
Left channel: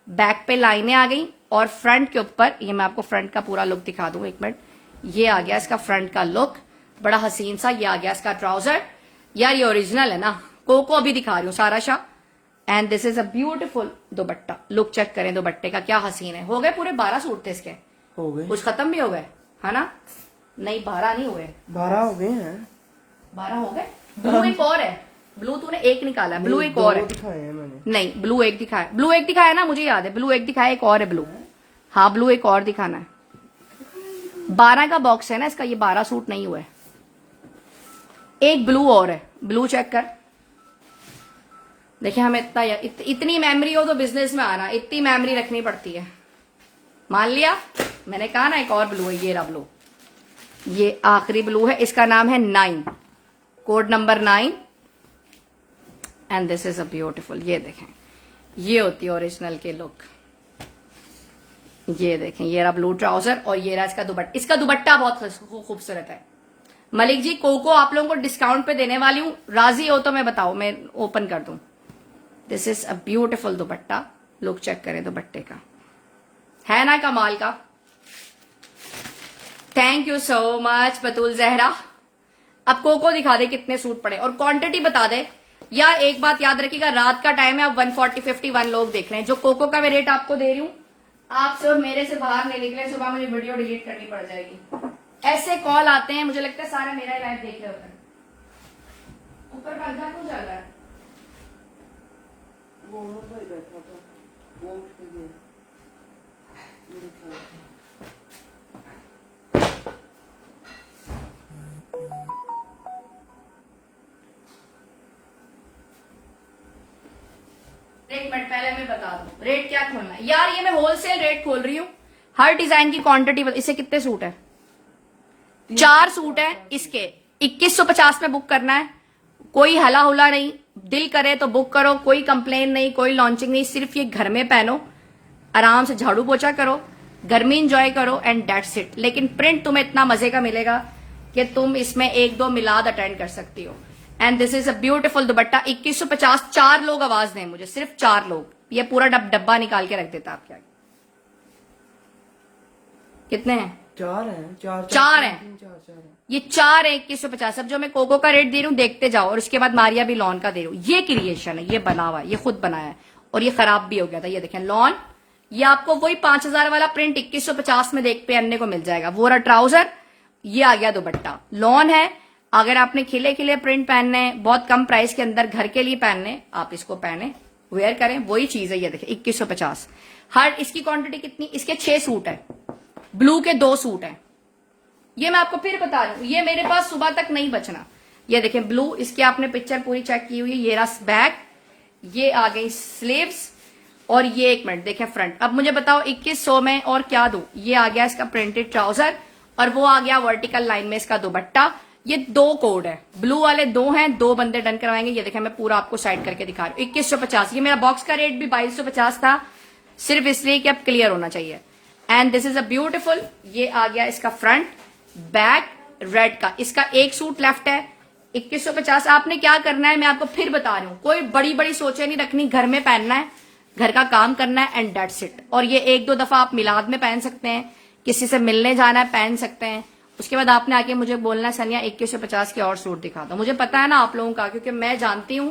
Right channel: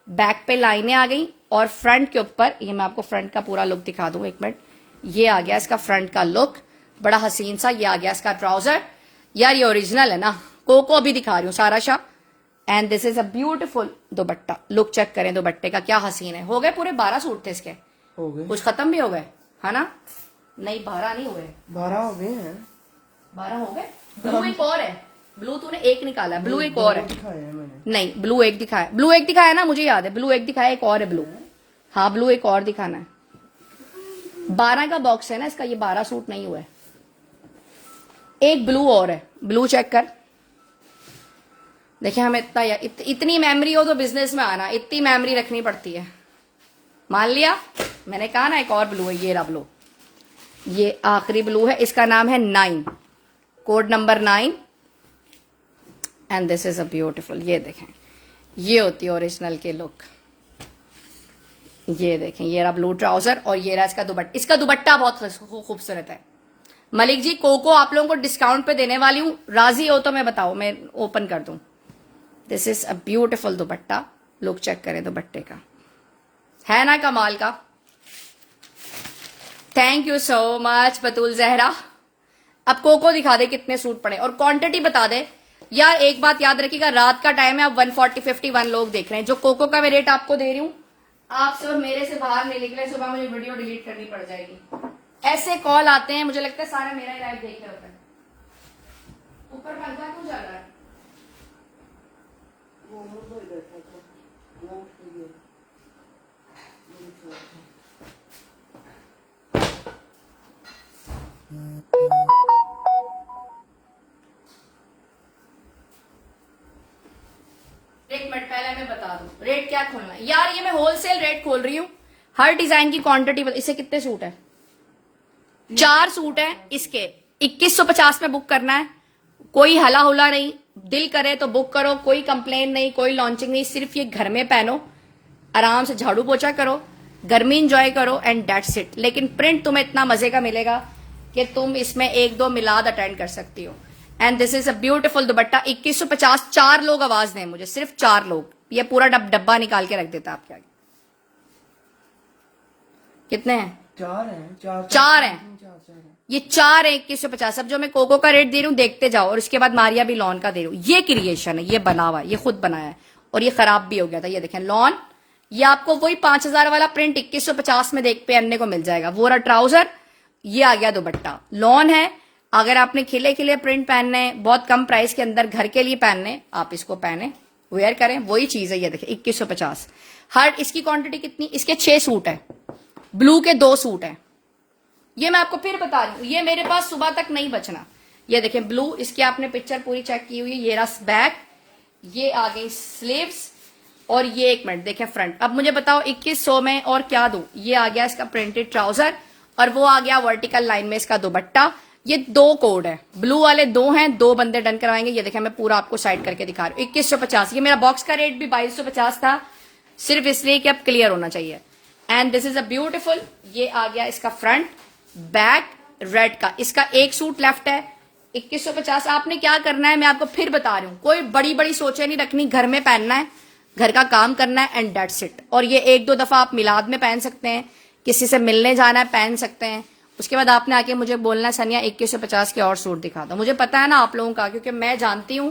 बैक पे लाइनें आ गई और फ्रंट के ऊपर, ये मैं आपको फ्रंट का पूरा लुक दिखा दूं एक मिनट। ये आ गया इसका फ्रंट का लुक, बड़ा हसीन सा। ये आ गया इसका ट्राउजर। यार ये ओरिजिनल है ना, कोको अभी दिखा रही हूँ Sara Shah. And this is a beautiful dupatta, look check करें दुपट्टे का, क्या हसीन है। हो गए पूरे 12 सूट थे इसके, हो गए, कुछ खत्म भी हो गए है ना? नहीं 12 नहीं हुए, 12 हो गए हैं। 12 हो गए। ब्लू एक और है, ब्लू तूने एक निकाला है, ब्लू एक और है। दिखाए हैं मैंने। नहीं ब्लू एक दिखाया, ब्लू एक दिखाया ना, मुझे याद है ब्लू एक दिखाया, एक और है ब्लू। हाँ ब्लू एक और दिखाना है। 12 का बॉक्स है ना इसका, ये 12 सूट नहीं हुए। एक ब्लू और है, ब्लू चेक कर। देखिए हमें इतनी मेमोरी हो तो बिजनेस में आना, इतनी मेमोरी रखनी पड़ती है। मान लिया मैंने कहा ना, एक और ब्लू है, ये रहा ब्लू, ये आखिरी ब्लू है, इसका नाम है 9, code number 9। And this is a beautiful, ये देखें ये होती है ओरिजिनल के लुक। ये देखें ये रहा ब्लू ट्राउजर और ये रहा इसका दुपट्टा। इसका दुपट्टा बहुत खूबसूरत है। मलिक जी कोको आप लोगों को डिस्काउंट पे देने वाली हूं, राजी हो तो मैं बताओ, मैं ओपन कर दूं। This is a beautiful dupatta, look check करें दुपट्टे का, है ना कमाल का। Thank you so much Batool Zahra. अब कोको दिखा दे कितने सूट पड़े और क्वांटिटी बता दे। यार एक बात याद रखिएगा, रात का टाइम है, अब 140-51 लोग देख रहे हैं। जो कोको का मैं रेट आपको दे रही हूं, आप सब मेरे से बाहर नहीं निकले, सुबह मुझे वीडियो डिलीट करनी पड़ जाएगी। ऐसे कॉल आते हैं, मुझे लगता है सारा मेरा ही लाइव देख रहे होते हैं। ऊपर पंखा क्यों चल रहा है? वो उमर भाई बैठा था, वो उठ के गए। मेरे ख्याल से। एक मिनट पहले मैं बता दूं रेट क्या खोलना है। यार ये मैं होलसेल रेट खोल रही हूँ, हर डिजाइन की क्वांटिटी। इसे कितने सूट है? 4 सूट है इसके, 2150 में बुक करना है। कोई हला हुला नहीं, दिल करे तो बुक करो, कोई कंप्लेन नहीं, कोई लॉन्चिंग नहीं। सिर्फ ये घर में पहनो, आराम से झाड़ू पोछा करो, गर्मी इंजॉय करो एंड दैट्स इट। लेकिन प्रिंट तुम्हें इतना मजे का मिलेगा कि तुम इसमें 1-2 मिलाद अटेंड कर सकती हो। And this is a beautiful दुपट्टा। 2150। 4 लोग आवाज दें मुझे, सिर्फ 4 लोग। ये पूरा डब्बा निकाल के रख देता आपके आगे। कितने हैं? 4 हैं, 4 4 हैं। 4 है। ये 4 है 2150। अब जो मैं कोको का रेट दे रही हूँ देखते जाओ, और उसके बाद मारिया भी लॉन का दे रही हूँ। ये क्रिएशन है, ये बना हुआ है, ये खुद बनाया है, और ये खराब भी हो गया था। ये देखें लॉन, ये आपको वही 5000 वाला प्रिंट 2150 में देख पहनने को मिल जाएगा। वो रहा ट्राउजर, ये आ गया दुपट्टा। लॉन है, अगर आपने खिले खिले प्रिंट पहनने, बहुत कम प्राइस के अंदर घर के लिए पहनने, आप इसको पहने, वेयर करें, वही चीज है। ये देखें 2150। हर इसकी क्वांटिटी कितनी? इसके 6 सूट है, ब्लू के 2 सूट है। ये मैं आपको फिर बता रही हूँ, ये मेरे पास सुबह तक नहीं बचना। ये देखें ब्लू, इसकी आपने पिक्चर पूरी चेक की हुई है। ये रहा बैक, ये आ गई स्लीव्स, और ये एक मिनट देखें फ्रंट। अब मुझे बताओ 2100 में और क्या दूं? ये आ गया इसका प्रिंटेड ट्राउजर, और वो आ गया वर्टिकल लाइन में इसका दुपट्टा। ये 2 कोड है, ब्लू वाले 2 हैं, 2 बंदे डन करवाएंगे। ये देखें मैं पूरा आपको साइड करके दिखा रही हूँ। 2150। ये मेरा बॉक्स का रेट भी 2250 था, सिर्फ इसलिए कि अब क्लियर होना चाहिए। And this is a beautiful. ये आ गया इसका फ्रंट, बैक रेड का। इसका 1 सूट लेफ्ट है, 2150। आपने क्या करना है मैं आपको फिर बता रही हूँ, कोई बड़ी बड़ी सोचे नहीं रखनी, घर में पहनना है, घर का काम करना है एंड दैट्स इट। और ये 1-2 दफा आप मिलाद में पहन सकते हैं, किसी से मिलने जाना है पहन सकते हैं। उसके बाद आपने आके मुझे बोलना है सनिया 2150 के और सूट दिखा दो। मुझे पता है ना आप लोगों का, क्योंकि मैं जानती हूँ,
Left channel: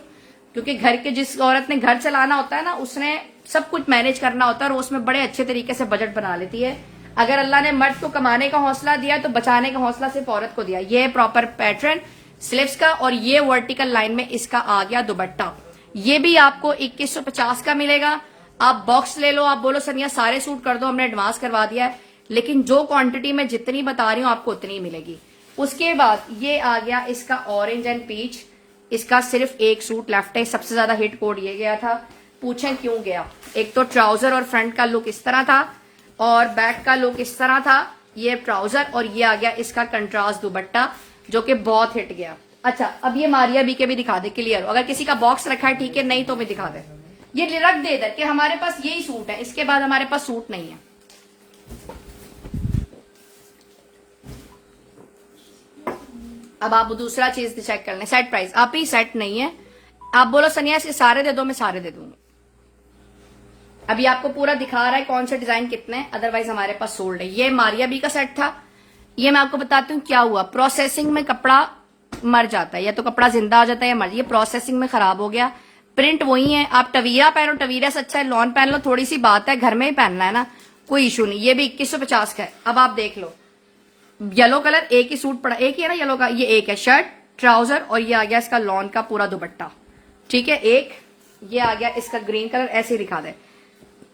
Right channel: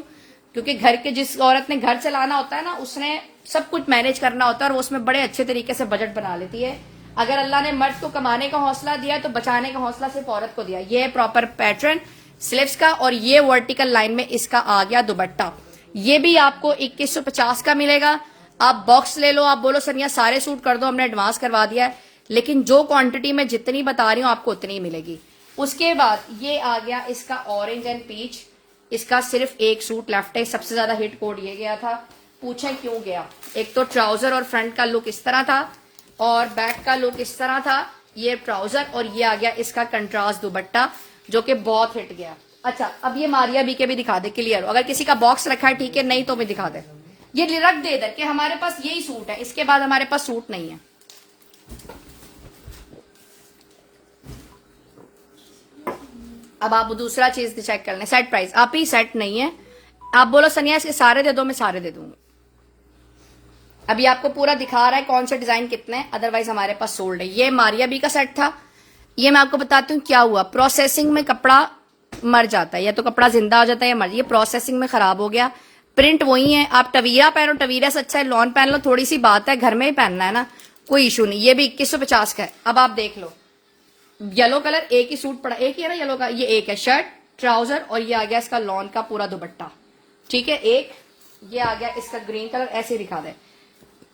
क्योंकि घर के जिस औरत ने घर चलाना होता है ना, उसने सब कुछ मैनेज करना होता है, और वो उसमें बड़े अच्छे तरीके से बजट बना लेती है। अगर अल्लाह ने मर्द को कमाने का हौसला दिया तो बचाने का हौसला सिर्फ औरत को दिया। ये प्रॉपर पैटर्न स्लीव्स का, और ये वर्टिकल लाइन में इसका आ गया दुपट्टा। ये भी आपको 2150 का मिलेगा। आप बॉक्स ले लो, आप बोलो सनिया सारे सूट कर दो, हमने एडवांस करवा दिया है, लेकिन जो क्वांटिटी में जितनी बता रही हूँ आपको उतनी ही मिलेगी। उसके बाद ये आ गया इसका ऑरेंज एंड पीच। इसका सिर्फ 1 सूट लेफ्ट है। सबसे ज्यादा हिट कोड ये गया था, पूछें क्यों गया? एक तो ट्राउजर और फ्रंट का लुक इस तरह था, और बैक का लुक इस तरह था। ये ट्राउजर, और ये आ गया इसका कंट्रास्ट दुपट्टा, जो कि बहुत हिट गया। अच्छा, अब ये मारिया बी के भी दिखा दे क्लियर। अगर किसी का बॉक्स रखा है ठीक है, नहीं तो भी दिखा दे। ये रख दे इधर कि हमारे पास यही सूट है, इसके बाद हमारे पास सूट नहीं है। अब आप दूसरा चीज चेक कर लें, सेट प्राइस। आप ही सेट नहीं है, आप बोलो सनिया से सारे दे दो, मैं सारे दे दूंगी। अभी आपको पूरा दिखा रहा है कौन से डिजाइन कितने हैं, अदरवाइज हमारे पास सोल्ड है। ये मारिया बी का सेट था। ये मैं आपको बताती हूँ क्या हुआ। प्रोसेसिंग में कपड़ा मर जाता है, या तो कपड़ा जिंदा हो जाता है या मर। ये प्रोसेसिंग में खराब हो गया। प्रिंट वही है, आप टवीरा पहनो, टवीरा से अच्छा है लॉन पहन लो। थोड़ी सी बात है, घर में ही पहनना है ना, कोई इशू नहीं। ये भी 2150 का है। अब आप देख लो, येलो कलर एक ही सूट पड़ा, एक ही है ना येलो का, ये एक है शर्ट ट्राउजर, और ये आ गया इसका लॉन का पूरा दुपट्टा। ठीक है, एक ये आ गया इसका ग्रीन कलर, ऐसे ही दिखा दे।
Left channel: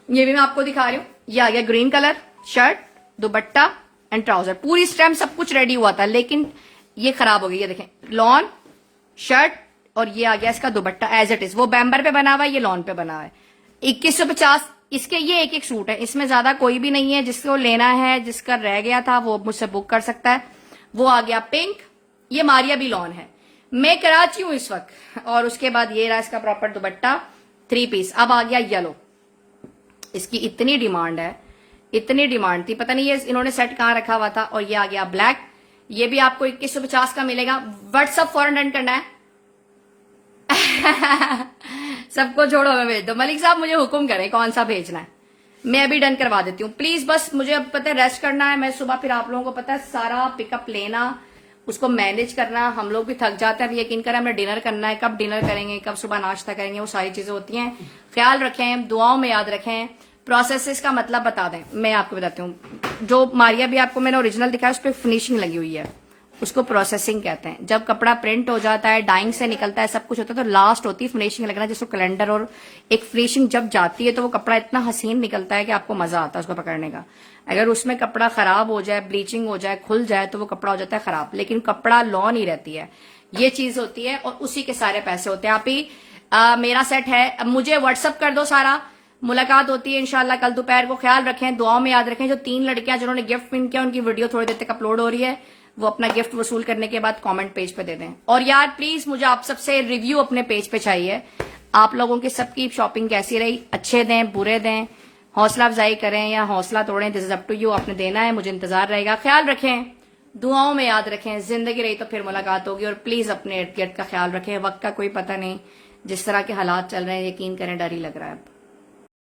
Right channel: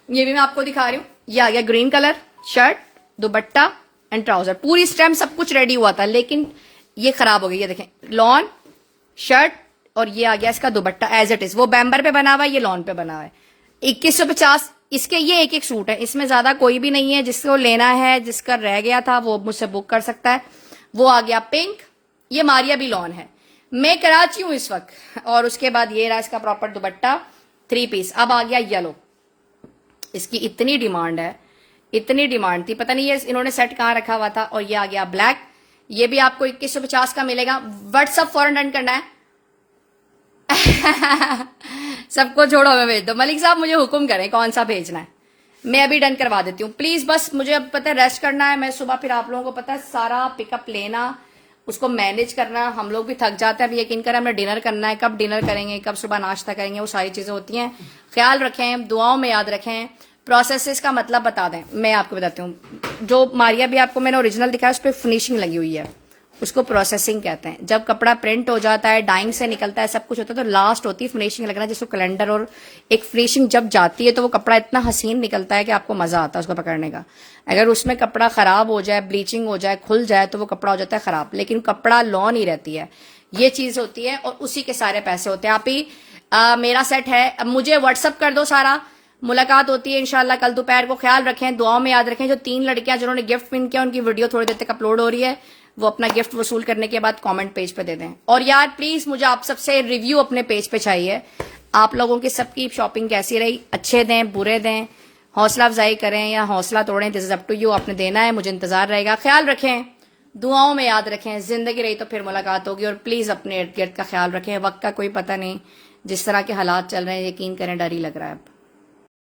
ये भी मैं आपको दिखा रही हूँ। ये आ गया green colour, shirt dupatta and trouser, पूरी स्टेम सब कुछ रेडी हुआ था, लेकिन ये खराब हो गई। ये देखें लॉन शर्ट, और ये आ गया इसका दुपट्टा एज इट इज। वो बैम्बर पे बना हुआ है, ये लॉन पे बना हुआ है। 2150 इसके ये एक सूट है, इसमें ज्यादा कोई भी नहीं है। जिसको लेना है, जिसका रह गया था, वो मुझसे बुक कर सकता है। वो आ गया पिंक, ये मारिया भी लॉन है। मैं कराची हूं इस वक्त। और उसके बाद ये रहा इसका प्रॉपर दुपट्टा 3 पीस। अब आ गया येलो, इसकी इतनी डिमांड है, इतनी डिमांड थी, पता नहीं ये इन्होंने सेट कहाँ रखा हुआ था। और ये आ गया ब्लैक, ये भी आपको 2150 का मिलेगा। व्हाट्सअप फॉरन रन करना है। सबको छोड़ो, मैं भेज दो। मलिक साहब मुझे हुक्म करें कौन सा भेजना है, मैं अभी डन करवा देती हूँ प्लीज। बस मुझे अब पता है रेस्ट करना है, मैं सुबह फिर आप लोगों को पता है सारा पिकअप लेना, उसको मैनेज करना। हम लोग भी थक जाते हैं। अभी यकीन करें हमें डिनर करना है, कब डिनर करेंगे, कब सुबह नाश्ता करेंगे, वो सारी चीजें होती हैं। ख्याल रखें, दुआओं में याद रखें। प्रोसेसेस का मतलब बता दें, मैं आपको बताती हूँ। जो मारिया भी आपको मैंने ओरिजिनल दिखाया उस पर फिनिशिंग लगी हुई है, उसको प्रोसेसिंग कहते हैं। जब कपड़ा प्रिंट हो जाता है, डाइंग से निकलता है, सब कुछ होता है, तो लास्ट होती है फिनिशिंग लगना, जिसको कैलेंडर। और एक फिनिशिंग जब जाती है तो वो कपड़ा इतना हसीन निकलता है कि आपको मजा आता है उसको पकड़ने का। अगर उसमें कपड़ा खराब हो जाए, ब्लीचिंग हो जाए, खुल जाए, तो वो कपड़ा हो जाता है खराब। लेकिन कपड़ा लॉ नहीं रहती है, ये चीज होती है, और उसी के सारे पैसे होते हैं। आप ही मेरा सेट है, अब मुझे व्हाट्सअप कर दो सारा, मुलाकात होती है इंशाल्लाह कल दोपहर को। ख्याल रखें, दुआओं में याद रखें। जो 3 लड़कियां जिन्होंने गिफ्ट विन किया, उनकी वीडियो थोड़ी देर तक अपलोड हो रही है, वो अपना गिफ्ट वसूल करने के बाद कमेंट पेज पे दे दें। और यार प्लीज मुझे आप सबसे रिव्यू अपने पेज पे चाहिए, आप लोगों की सबकी शॉपिंग कैसी रही, अच्छे दें बुरे दें, हौसला अफजाई करें या हौसला तोड़ें, this is up to you. आपने देना है, मुझे इंतजार रहेगा। ख्याल रखें, दुआओं में याद रखें। जिंदगी रही तो फिर मुलाकात होगी। और प्लीज अपने इर्द गिर्द का ख्याल रखें, वक्त का कोई पता नहीं, जिस तरह के हालात चल रहे हैं, यकीन करें डर ही लग रहा है अब।